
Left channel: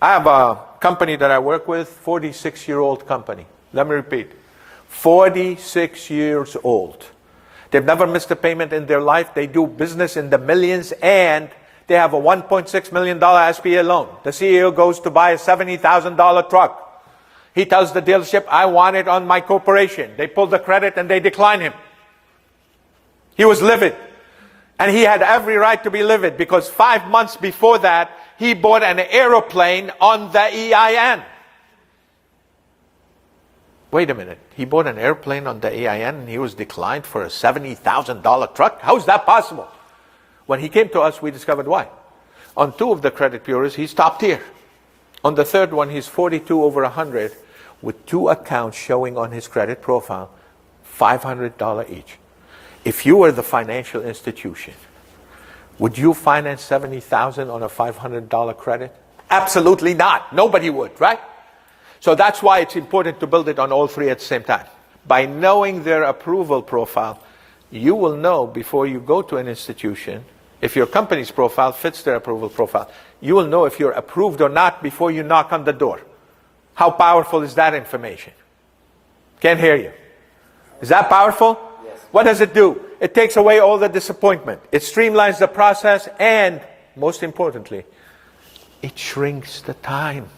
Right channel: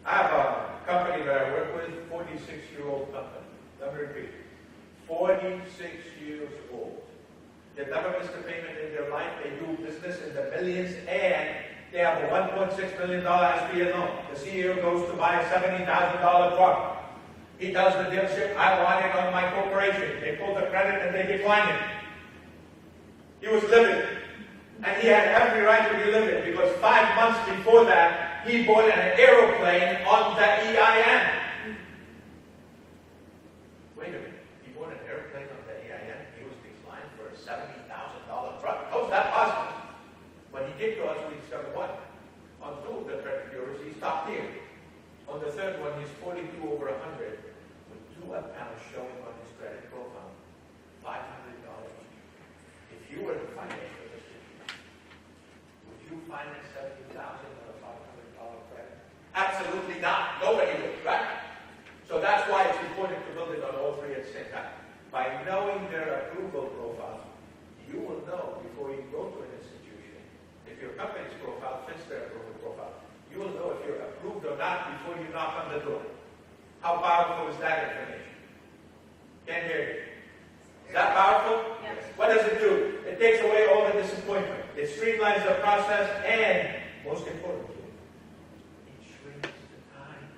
I have a company that I work with, 46-year-old company. Let me repeat, 46 years old. They've never missed a payment in their life. They do business in the millions, and they have a $1.6 million SBA loan. The CEO goes to buy a $70,000 truck. He tells the dealership, I want it on my corporation. They pull the credit and they decline him. He was livid. And he had every right to be livid because 5 months before that, he bought an airplane on the EIN. Wait a minute. He bought an airplane on the EIN and he was declined for a $70,000 truck? How is that possible? When he came to us, we discovered why. On two of the credit bureaus, he's top tier. On the third one, he's 42 over 100 with two accounts showing on his credit profile, $500 each. If you were the financial institution, would you finance $70,000 on a $500 credit? Absolutely not. Nobody would, right? So that's why it's important to build it on all three at the same time. By knowing their approval profile, you will know before you go to an institution, if your company's profile fits their approval profile, you will know if you're approved or not before you knock on the door. How powerful is that information? Can't hear you. Is that powerful? Yes. What does it do? It takes away all the disappointment. It streamlines the process, and most importantly, it shrinks the time.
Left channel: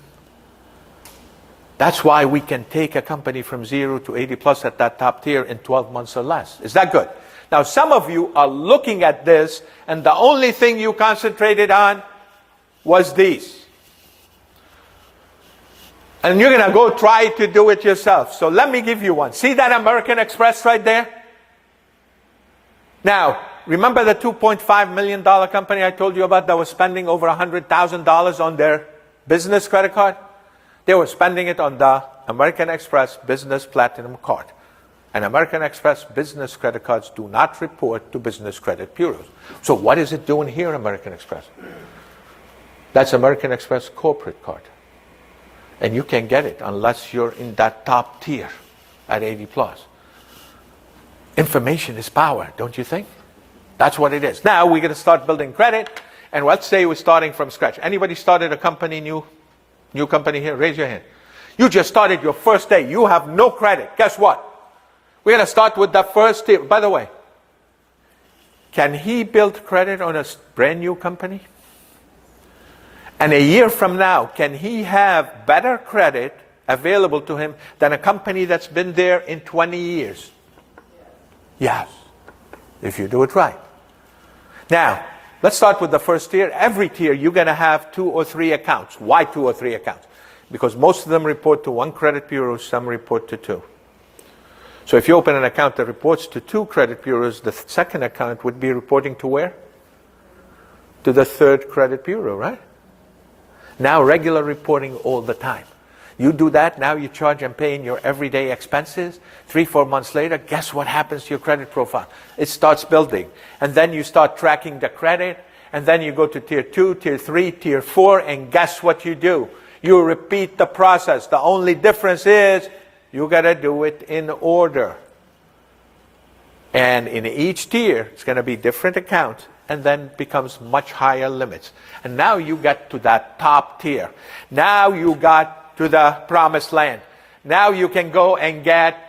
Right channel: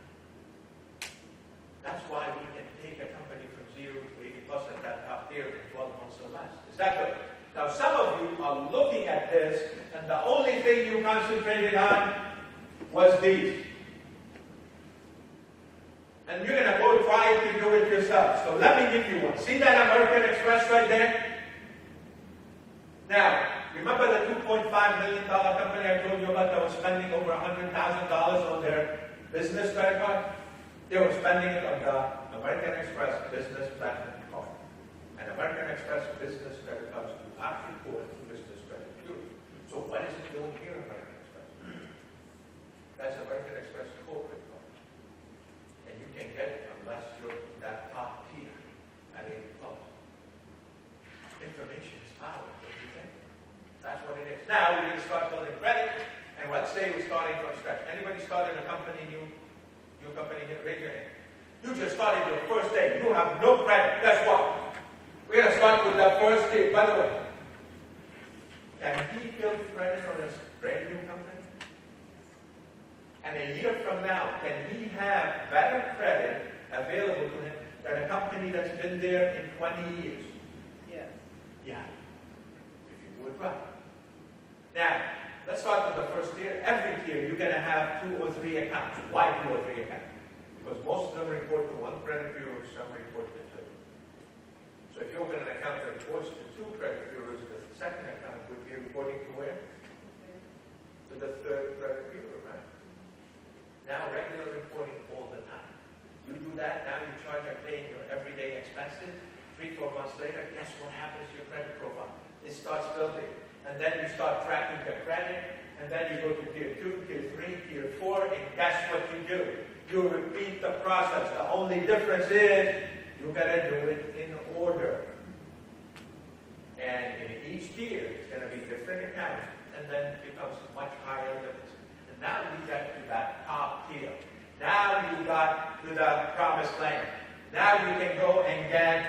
That's why we can take a company from 0 to 80 plus at that top tier in 12 months or less. Is that good? Now, some of you are looking at this, and the only thing you concentrated on was these. And you're going to go try to do it yourself. So let me give you one. See that American Express right there? Now, remember the $2.5 million company I told you about that was spending over $100,000 on their business credit card? They were spending it on the American Express Business Platinum Card. And American Express business credit cards do not report to business credit bureaus. So what is it doing here, American Express? That's American Express corporate card. And you can't get it unless you're in that top tier at 80 plus. Information is power, don't you think? That's what it is. Now we're going to start building credit. And let's say we're starting from scratch. Anybody started a company, new company here? Raise your hand. You just started your first day. You have no credit. Guess what? We're going to start with the first tier. By the way, can he build credit on a brand new company? And a year from now, can he have better credit available to him than a company that's been there in 20 years? Yes. If you do it right. Now, let's start with the first tier. Every tier, you're going to have 2 or 3 accounts. Why 2 or 3 accounts? Because most of them report to 1 credit bureau, some report to 2. So if you open an account that reports to 2 credit bureaus, the second account would be reporting to where? To the 3rd credit bureau, right? Now regular reporting all the time. You do that, now you charge and pay in your everyday expenses. 3-4 months later, guess what happens to your credit profile? It starts building. And then you start tracking the credit, and then you go to tier 2, tier 3, tier 4, and guess what you do? You repeat the process. The only difference is you got to do it in order. And in each tier, it's going to be different account, and then becomes much higher limits. And now you get to that top tier. Now you got to the promised land. Now you can go and get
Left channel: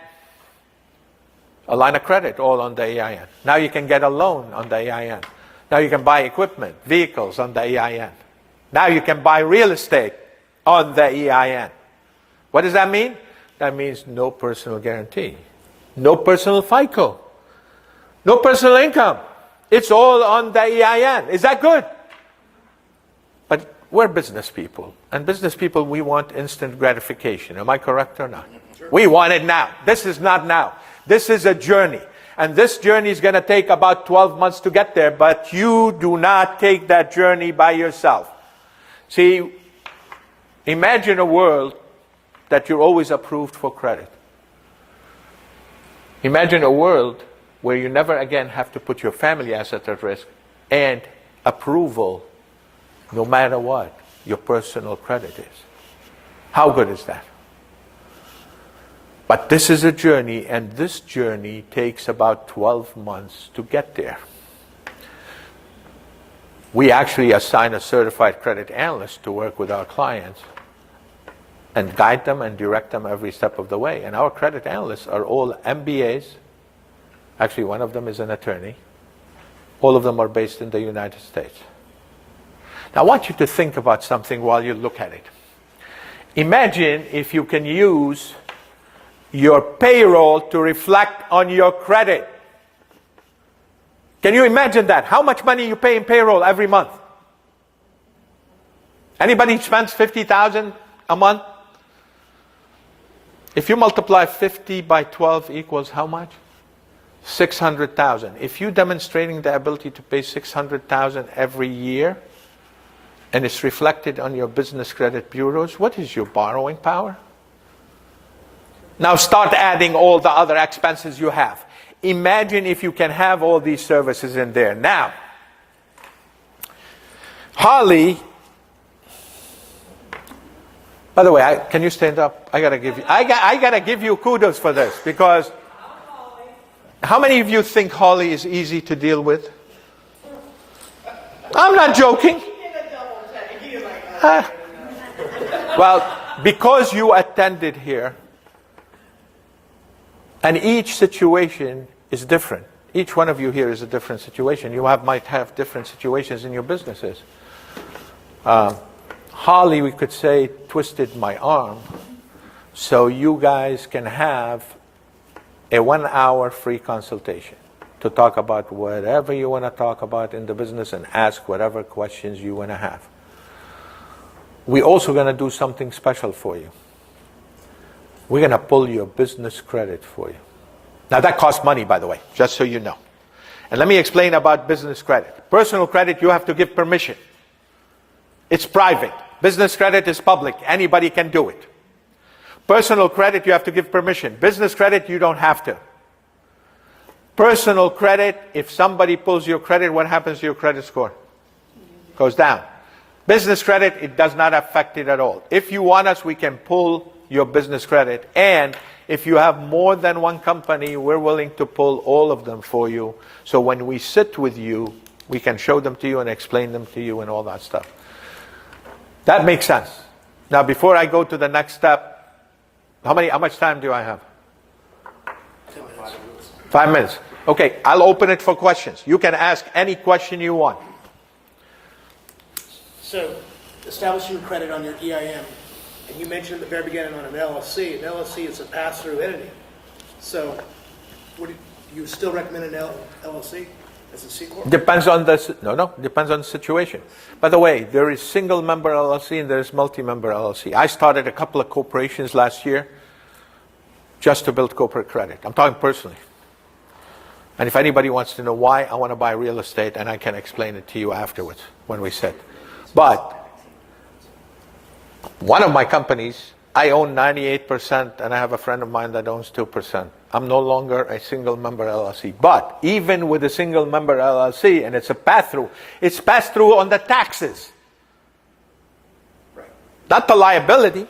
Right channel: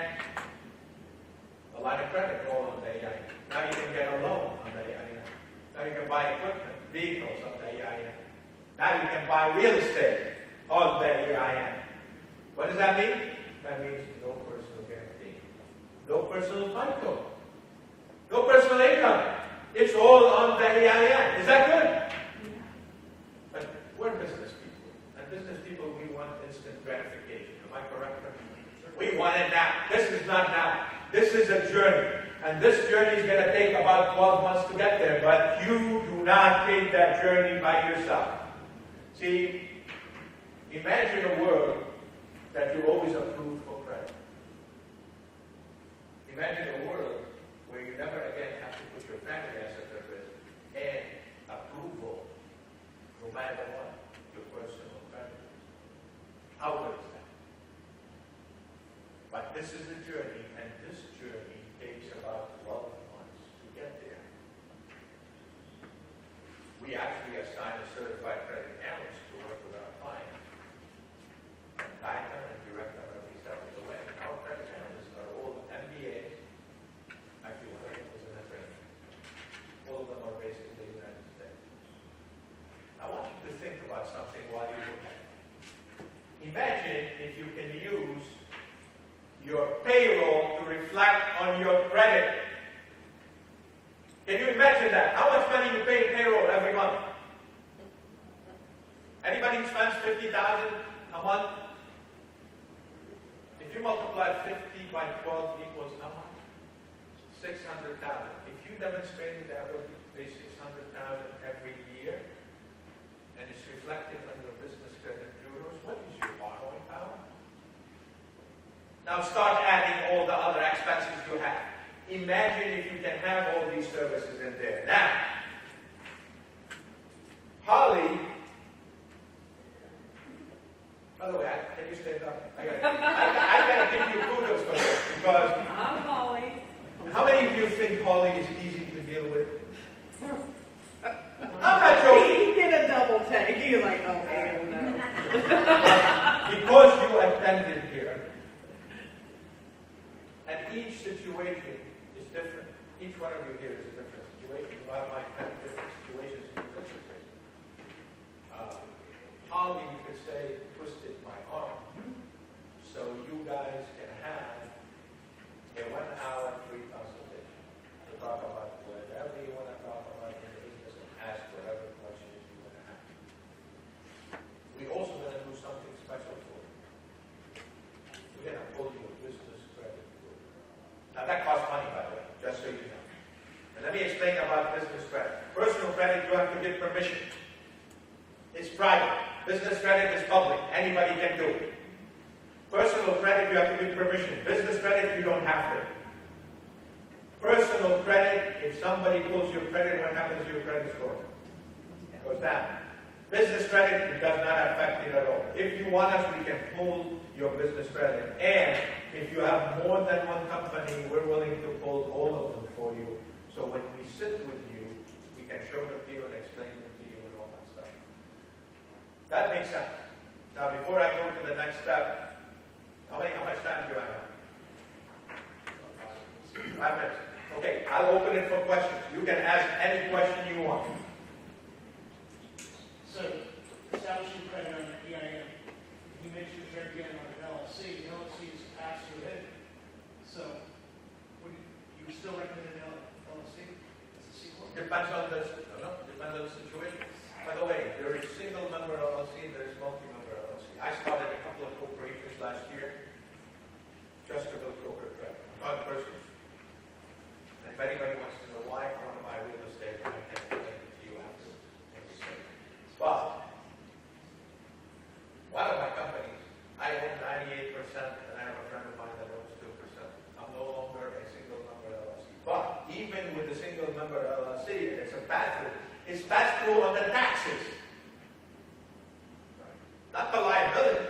a line of credit all on the EIN. Now you can get a loan on the EIN. Now you can buy equipment, vehicles on the EIN. Now you can buy real estate on the EIN. What does that mean? That means no personal guarantee, no personal FICO, no personal income. It's all on the EIN. Is that good? But we're business people. And business people, we want instant gratification. Am I correct or not? Sure. We want it now. This is not now. This is a journey. And this journey is going to take about 12 months to get there, but you do not take that journey by yourself. See, imagine a world that you're always approved for credit. Imagine a world where you never again have to put your family assets at risk and approval no matter what your personal credit is. How good is that? But this is a journey, and this journey takes about 12 months to get there. We actually assign a certified credit analyst to work with our clients and guide them and direct them every step of the way. And our credit analysts are all MBAs. Actually, one of them is an attorney. All of them are based in the United States. Now, I want you to think about something while you look at it. Imagine if you can use your payroll to reflect on your credit. Can you imagine that? How much money you pay in payroll every month? Anybody spends $50,000 a month? If you multiply 50 by 12 equals how much? 600,000. If you're demonstrating the ability to pay 600,000 every year, and it's reflected on your business credit bureaus, what is your borrowing power? Now start adding all the other expenses you have. Imagine if you can have all these services in there. Now, Holly, by the way, can you stand up? I gotta give you kudos for this, because how many of you think Holly is easy to deal with? I'm not joking. He did a double check. He was like, Well, because you attended here, and each situation is different. Each one of you here is a different situation. You might have different situations in your businesses. Holly, we could say, twisted my arm so you guys can have a 1-hour free consultation to talk about whatever you want to talk about in the business and ask whatever questions you want to have. We're also going to do something special for you. We're going to pull your business credit for you. Now that costs money, by the way, just so you know. And let me explain about business credit. Personal credit, you have to give permission. It's private. Business credit is public. Anybody can do it. Personal credit, you have to give permission. Business credit, you don't have to. Personal credit, if somebody pulls your credit, what happens to your credit score? Goes down. Business credit, it does not affect it at all. If you want us, we can pull your business credit. And if you have more than one company, we're willing to pull all of them for you. So when we sit with you, we can show them to you and explain them to you and all that stuff. That makes sense. Now, before I go to the next step, how much time do I have? 5 minutes. Okay, I'll open it for questions. You can ask any question you want. So, establishing credit on your EIN, and you mentioned at the very beginning on an LLC. An LLC is a pass-through entity. So, do you still recommend an LLC as a C Corp? Depends on depends on the situation. By the way, there is single-member LLC and there is multi-member LLC. I started a couple of corporations last year just to build corporate credit. I'm talking personally. And if anybody wants to know why, I want to buy real estate, and I can explain it to you afterwards when we sit. But one of my companies, I own 98%, and I have a friend of mine that owns 2%. I'm no longer a single-member LLC. But even with a single-member LLC, and it's a pass-through, it's pass-through on the taxes, not the liability.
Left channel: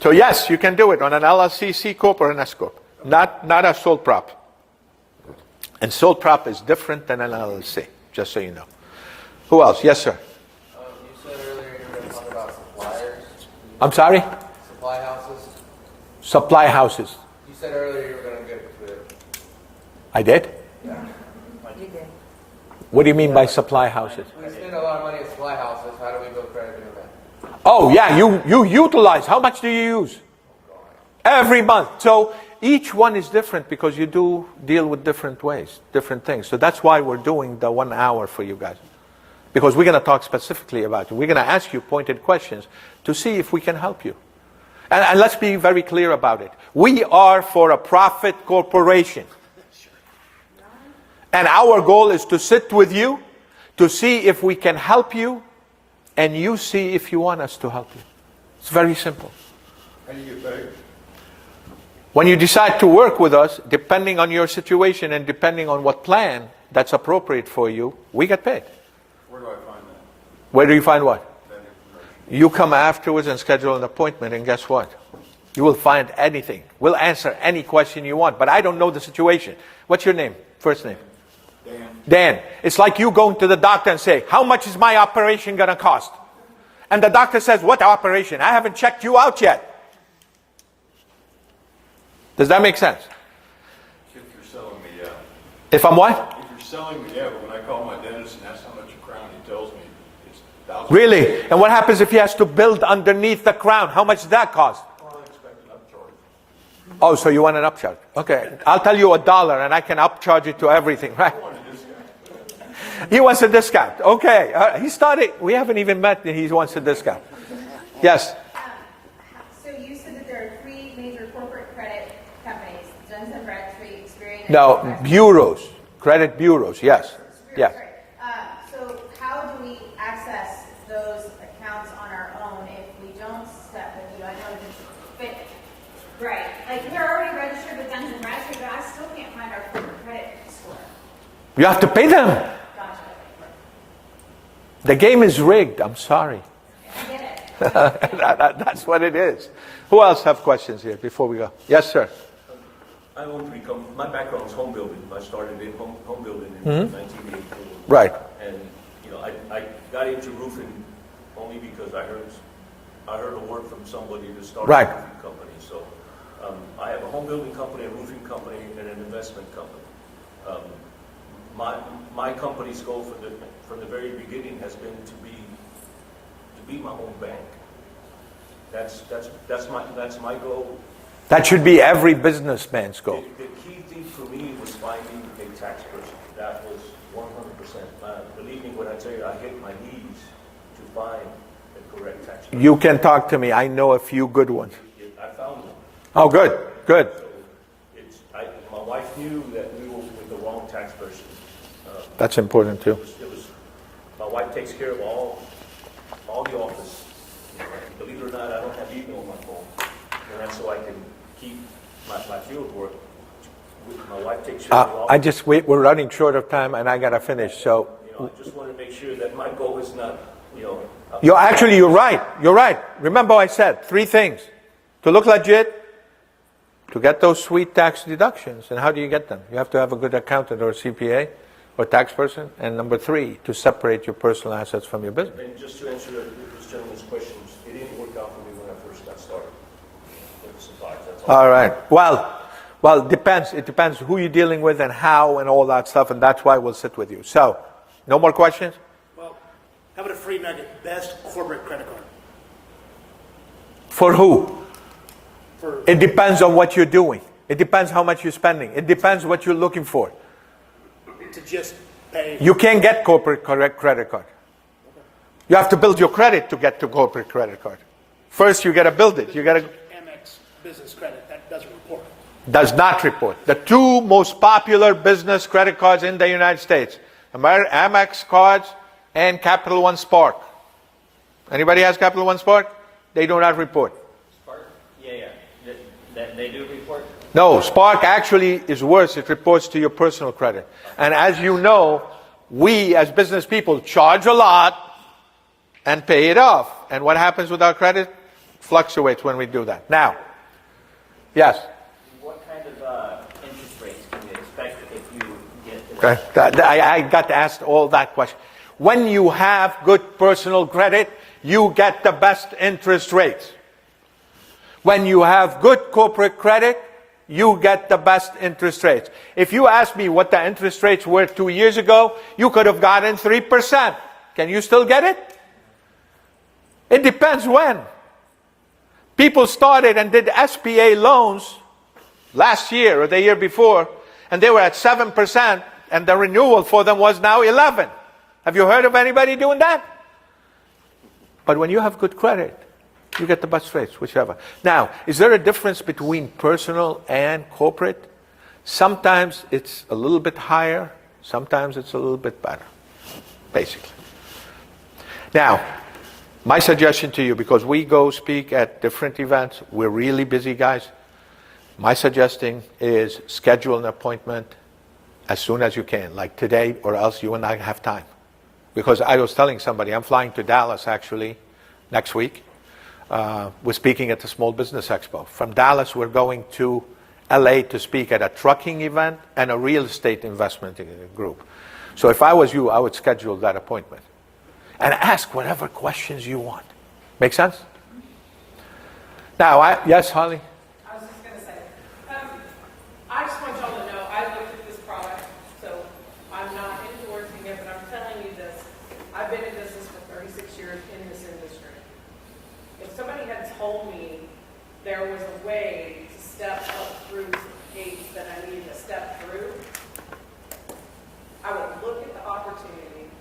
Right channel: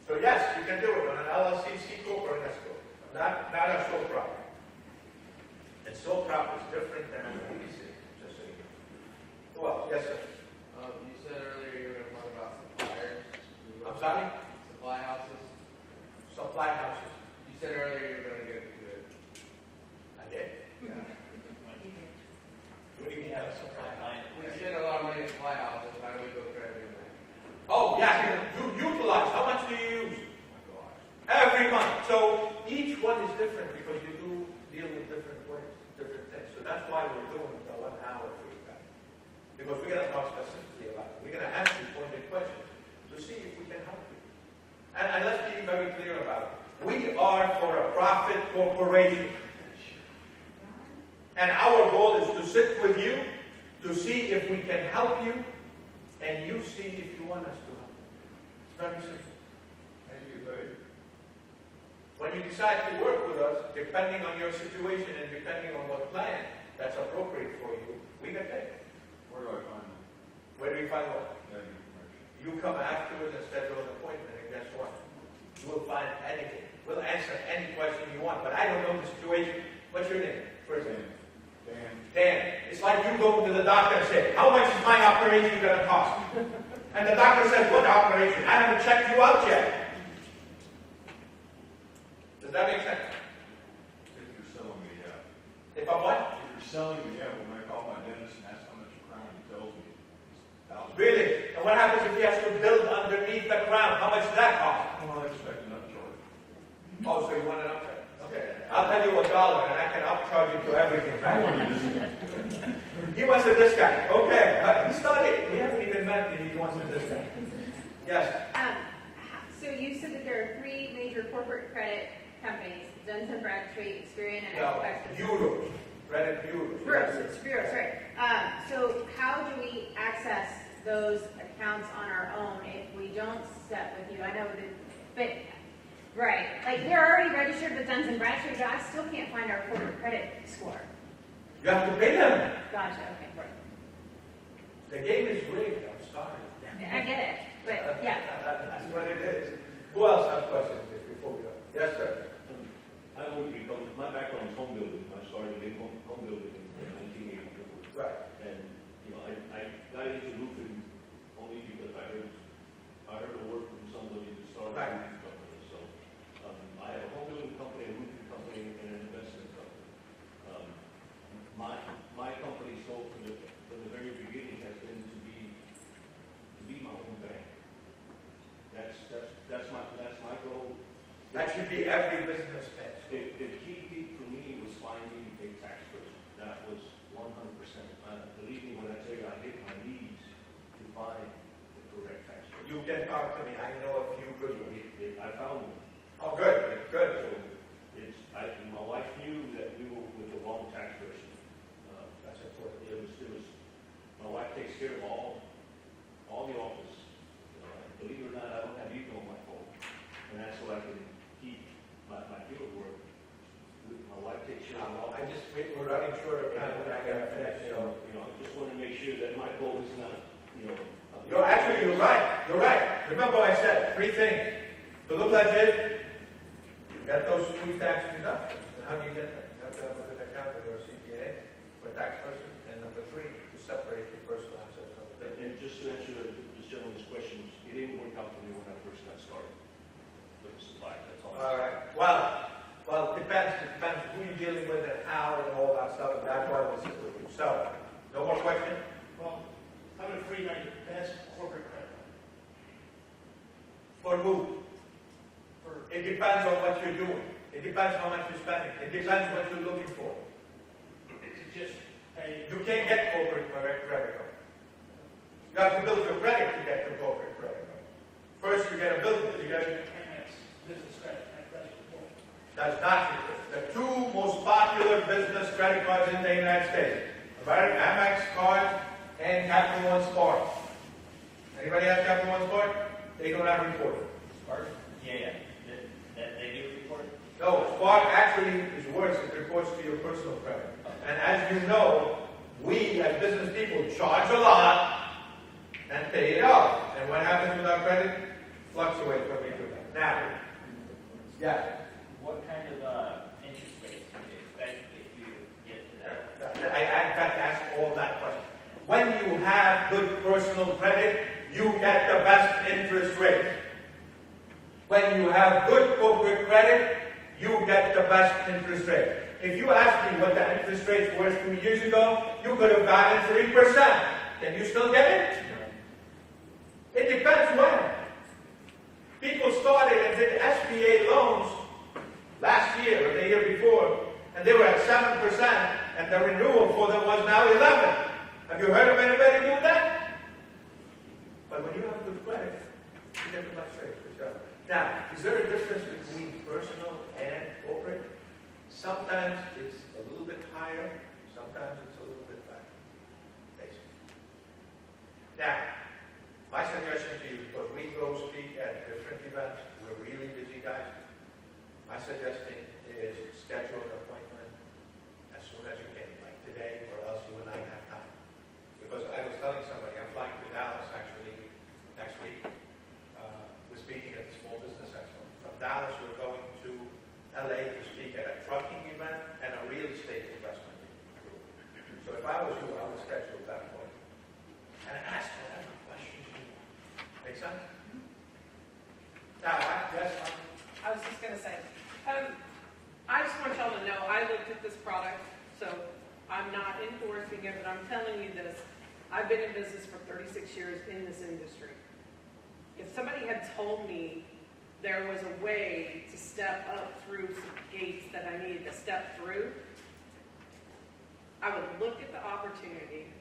So yes, you can do it on an LLC, C Corp, or an S Corp, not a sole prop. And sole prop is different than an LLC, just so you know. Who else? Yes, sir. You said earlier you were going to talk about suppliers. I'm sorry? Supply houses. Supply houses. You said earlier you were going to get to it. I did? Yeah. What do you mean by supply houses? We spend a lot of money at supply houses. How do we build credit doing that? Oh, yeah, you utilize. How much do you use? Every month. So each one is different because you do deal with different ways, different things. So that's why we're doing the 1 hour for you guys. Because we're going to talk specifically about it. We're going to ask you pointed questions to see if we can help you. And let's be very clear about it. We are for a profit corporation. And our goal is to sit with you, to see if we can help you, and you see if you want us to help you. It's very simple. How do you get paid? When you decide to work with us, depending on your situation and depending on what plan that's appropriate for you, we get paid. Where do I find that? Where do you find what? That information? You come afterwards and schedule an appointment, and guess what? You will find anything. We'll answer any question you want, but I don't know the situation. What's your name? First name? Dan. Dan. It's like you going to the doctor and say, how much is my operation going to cost? And the doctor says, what operation? I haven't checked you out yet. Does that make sense? If you're selling me, yeah. If I'm what? If you're selling me, yeah, but when I call my dentist and ask how much a crown, he tells me it's thousands. Really? And what happens if he has to build underneath the crown? How much does that cost? Well, I expect an upcharge. Oh, so you want an upcharge? Okay. I'll tell you $1 and I can upcharge it to everything, right? He wants a discount. Okay. He started, we haven't even met and he wants a discount. Yes. So you said that there are 3 major corporate credit companies, Duns & Bradstreet, Experian, and No, Contractors. bureaus. Credit bureaus, yes. Bureaus, Yeah. right. So how do we access those accounts on our own if we don't step with you? I know that but right. Like they're already registered with Duns & Bradstreet, but I still can't find our corporate credit score. You have to pay them. Gotcha, okay, perfect. The game is rigged. I'm sorry. I get it. That's what it is. Who else have questions here before we go? Yes, sir. I own 3 companies. My background is home building. I started in home building in 1984. Right. And, you know, I got into roofing only because I heard a word from somebody to start Right. a roofing company. So I have a home building company, a roofing company, and an investment company. My company's goal from the very beginning has been to be my own bank. That's my goal. That should be every businessman's goal. The key thing for me was finding a tax person. That was 100%. Believe me when I tell you, I hit my knees to find the correct tax person. You can talk to me. I know a few good ones. I found one. Oh, good, good. So my wife knew that we were with the wrong tax person. That's important too. My wife takes care of all the office. Believe it or not, I don't have email on my phone. And that's so I can keep my field work. My wife takes care of all. We're running short of time and I gotta finish, so. I just want to make sure that my goal is not, You're right, you're right. Remember I said 3 things. To look legit, to get those sweet tax deductions. And how do you get them? You have to have a good accountant or a CPA or tax person. And number 3, to separate your personal assets from your business. And just to answer this gentleman's questions, it didn't work out for me when I first got started. With the supplies, that's all. All right. Well, it depends. It depends who you're dealing with and how and all that stuff. And that's why we'll sit with you. So, no more questions? Well, how about a free nugget? Best corporate credit card For who? for It depends on what you're doing. It depends how much you're spending. It depends what you're looking for. to just pay. You can't get corporate credit card. You have to build your credit to get to corporate credit card. First, you got to build it. You got to. Amex business credit that doesn't report. Does not report. The 2 most popular business credit cards in the United States, Amex cards and Capital One Spark. Anybody has Capital One Spark? They do not report. Spark? Yeah. They do report? No, Spark actually is worse. It reports to your personal credit. And as you know, we as business people charge a lot and pay it off. And what happens with our credit? Fluctuates when we do that. Now, yes? What kind of interest rates can we expect if you get Okay. I got to ask all that question. When you have good personal credit, you get the best interest rates. When you have good corporate credit, you get the best interest rates. If you ask me what the interest rates were 2 years ago, you could have gotten 3%. Can you still get it? It depends when. People started and did SBA loans last year or the year before, and they were at 7%, and the renewal for them was now 11%. Have you heard of anybody doing that? But when you have good credit, You get the best rates, whichever. Now, is there a difference between personal and corporate? Sometimes it's a little bit higher, sometimes it's a little bit better, basically. Now, my suggestion to you, because we go speak at different events, we're really busy guys, my suggesting is schedule an appointment as soon as you can, like today, or else you and I have time. Because I was telling somebody, I'm flying to Dallas actually next week. We're speaking at the Small Business Expo. From Dallas, we're going to LA to speak at a trucking event and a real estate investment group. So if I was you, I would schedule that appointment and ask whatever questions you want. Make sense? Now, yes, Holly? I was just gonna say, I just want y'all to know, I looked at this product, so I'm not endorsing it, but I'm telling you this. I've been in business for 36 years in this industry. If somebody had told me there was a way to step up through some gates that I needed to step through, I would look at the opportunity,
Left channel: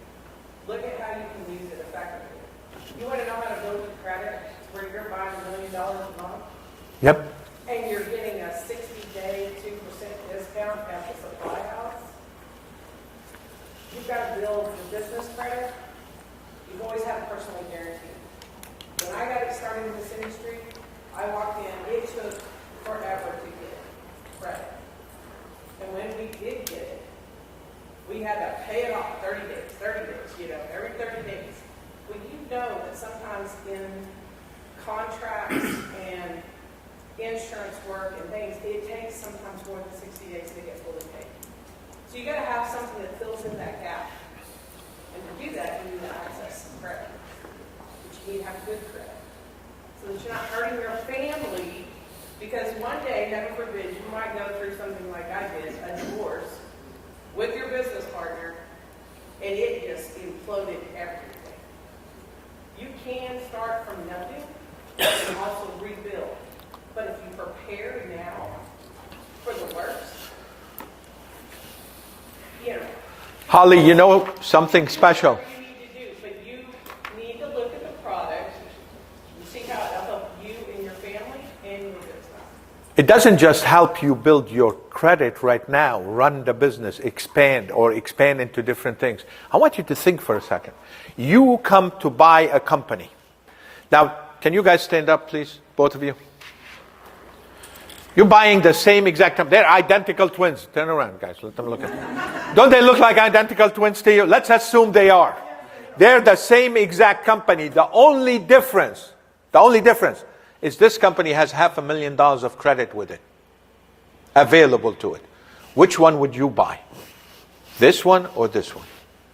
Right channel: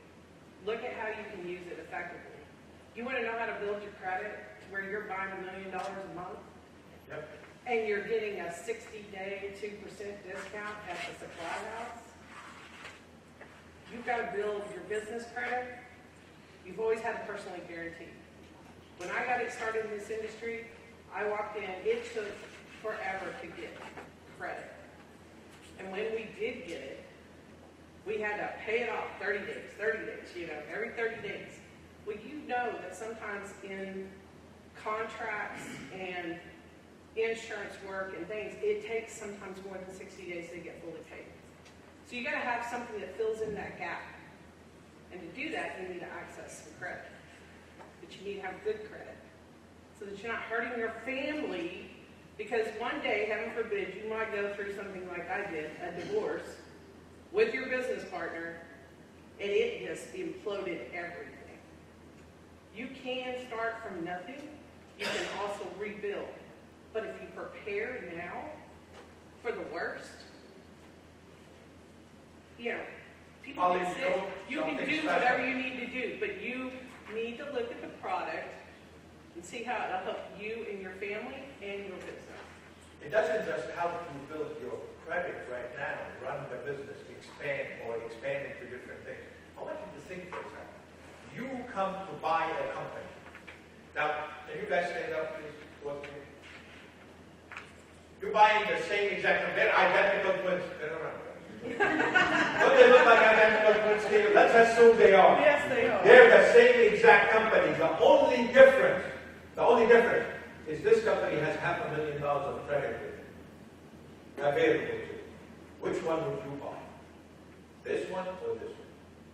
look at how you can use it effectively. You want to know how to build your credit where you're buying $1 million a month? Yep. And you're getting a 60-day 2% discount at the supply house? You've got to build your business credit. You've always had a personally guaranteed. When I got started in this industry, I walked in, it took forever to get credit. And when we did get it, we had to pay it off 30 days, every 30 days. Well, you know that sometimes in contracts and insurance work and things, it takes sometimes more than 60 days to get fully paid. So you got to have something that fills in that gap. And to do that, you need to access some credit. But you need to have good credit. So that you're not hurting your family, because one day, heaven forbid, you might go through something like I did, a divorce, with your business partner, and it just imploded everything. You can start from nothing and also rebuild. But if you prepare now for the worst, you know. Holly, you know something do special. whatever you need to do, but you need to look at the product and see how it'll help you and your family and your business. It doesn't just help you build your credit right now, run the business, expand into different things. I want you to think for a second. You come to buy a company. Now, can you guys stand up, please, both of you? You're buying the same exact company. They're identical twins. Turn around, guys. Let them look at you. Don't they look like identical twins to you? Let's assume they are. Yes, they are. They're the same exact company. The only difference is this company has $500,000 of credit with it, available to it. Which one would you buy? This one or this one?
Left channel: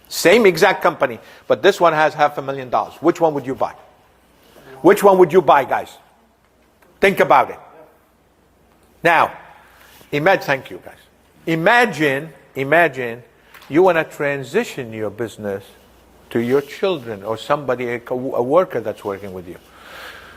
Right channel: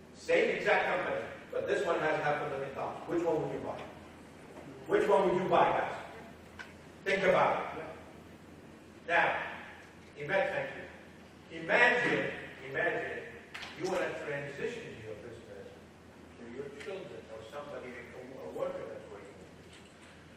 Same exact company, but this one has $500,000. Which one would you buy? Which one would you buy, guys? Think about it. Now, thank you, guys. Imagine you want to transition your business to your children or somebody, a worker that's working with you.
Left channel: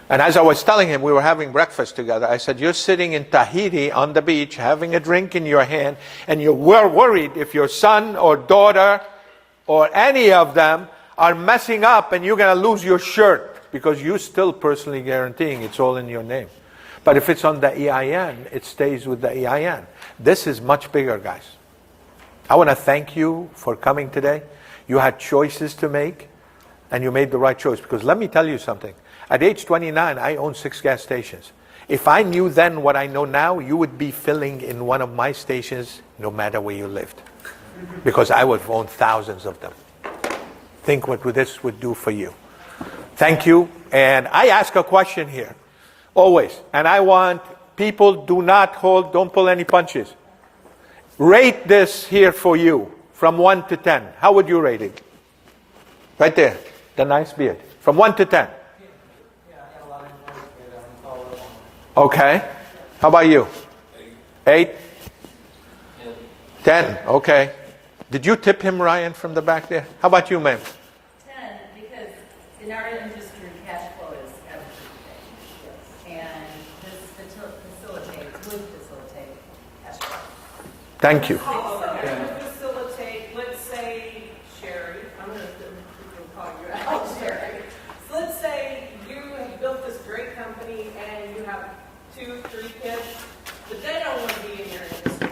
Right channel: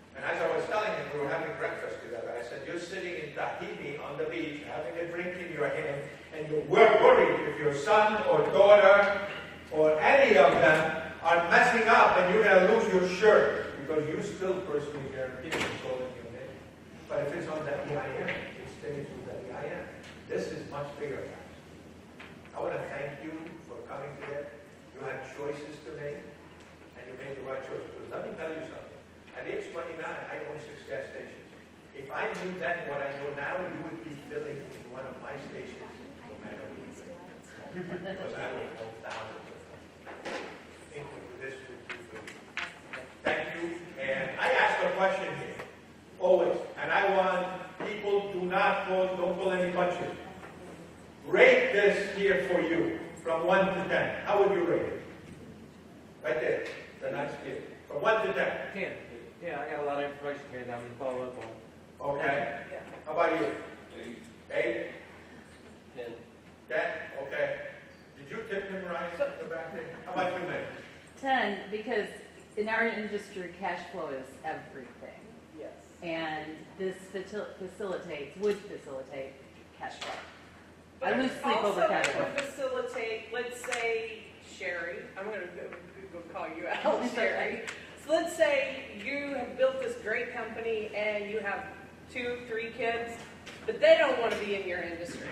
And as I was telling him, we were having breakfast together. I said, you're sitting in Tahiti on the beach, having a drink in your hand, and you're worried if your son or daughter or any of them are messing up and you're going to lose your shirt because you're still personally guaranteeing it's all in your name. But if it's on the EIN, it stays with the EIN. This is much bigger, guys. I want to thank you for coming today. You had choices to make, and you made the right choice. Because let me tell you something. At age 29, I own 6 gas stations. If I knew then what I know now, you would be filling in one of my stations no matter where you lived. Because I would have owned thousands of them. Think what this would do for you. Thank you. And I ask a question here. Always. And I want people don't pull any punches. Rate this here for you from 1 to 10. How would you rate it? Right there. The nice beard. From 1 to 10. Yeah, I got a lot of information here that I'm going to follow up on. Okay. How about you? 8? 10. Okay. Did you tip him, Ryan, from the back there? How about you, ma'am? 10, because in our industry, cash flow is everything. And this would facilitate cash flow. Thank you. Also, it will facilitate, let's say, Sherry, I'm going to call you out, Sherry. So let's say you have built this great 2, 3 kids, but they don't want to be in your industry.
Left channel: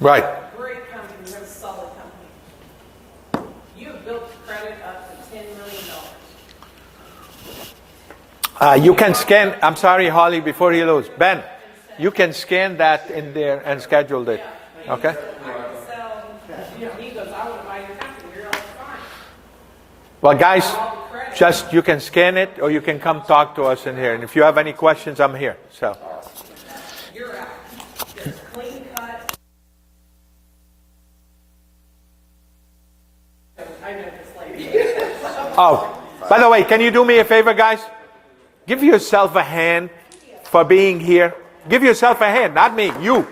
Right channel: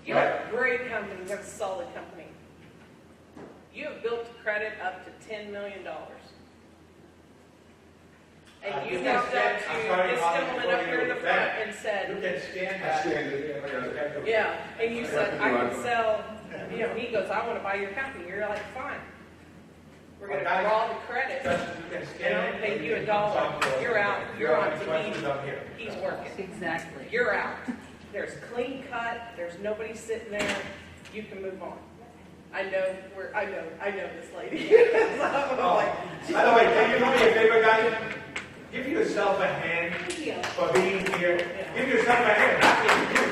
Right. Great company, you have a solid company. You have built credit up to $10 million. You can scan, I'm sorry, Holly, before you lose. Ben, you can scan that in there and schedule it. Yeah, and you Okay? said, I can sell, he goes, I want to buy your company, you're like, fine. Well, guys, All the credit. just you can scan it or you can come talk to us in here. And if you have any questions, I'm here. So, Exactly. You're out. There's clean cut, there's nobody sitting there, you can move on. I know this lady. oh, by the way, can you do me a favor, guys? Give yourself a hand for being here. Give yourself a hand, not me, you.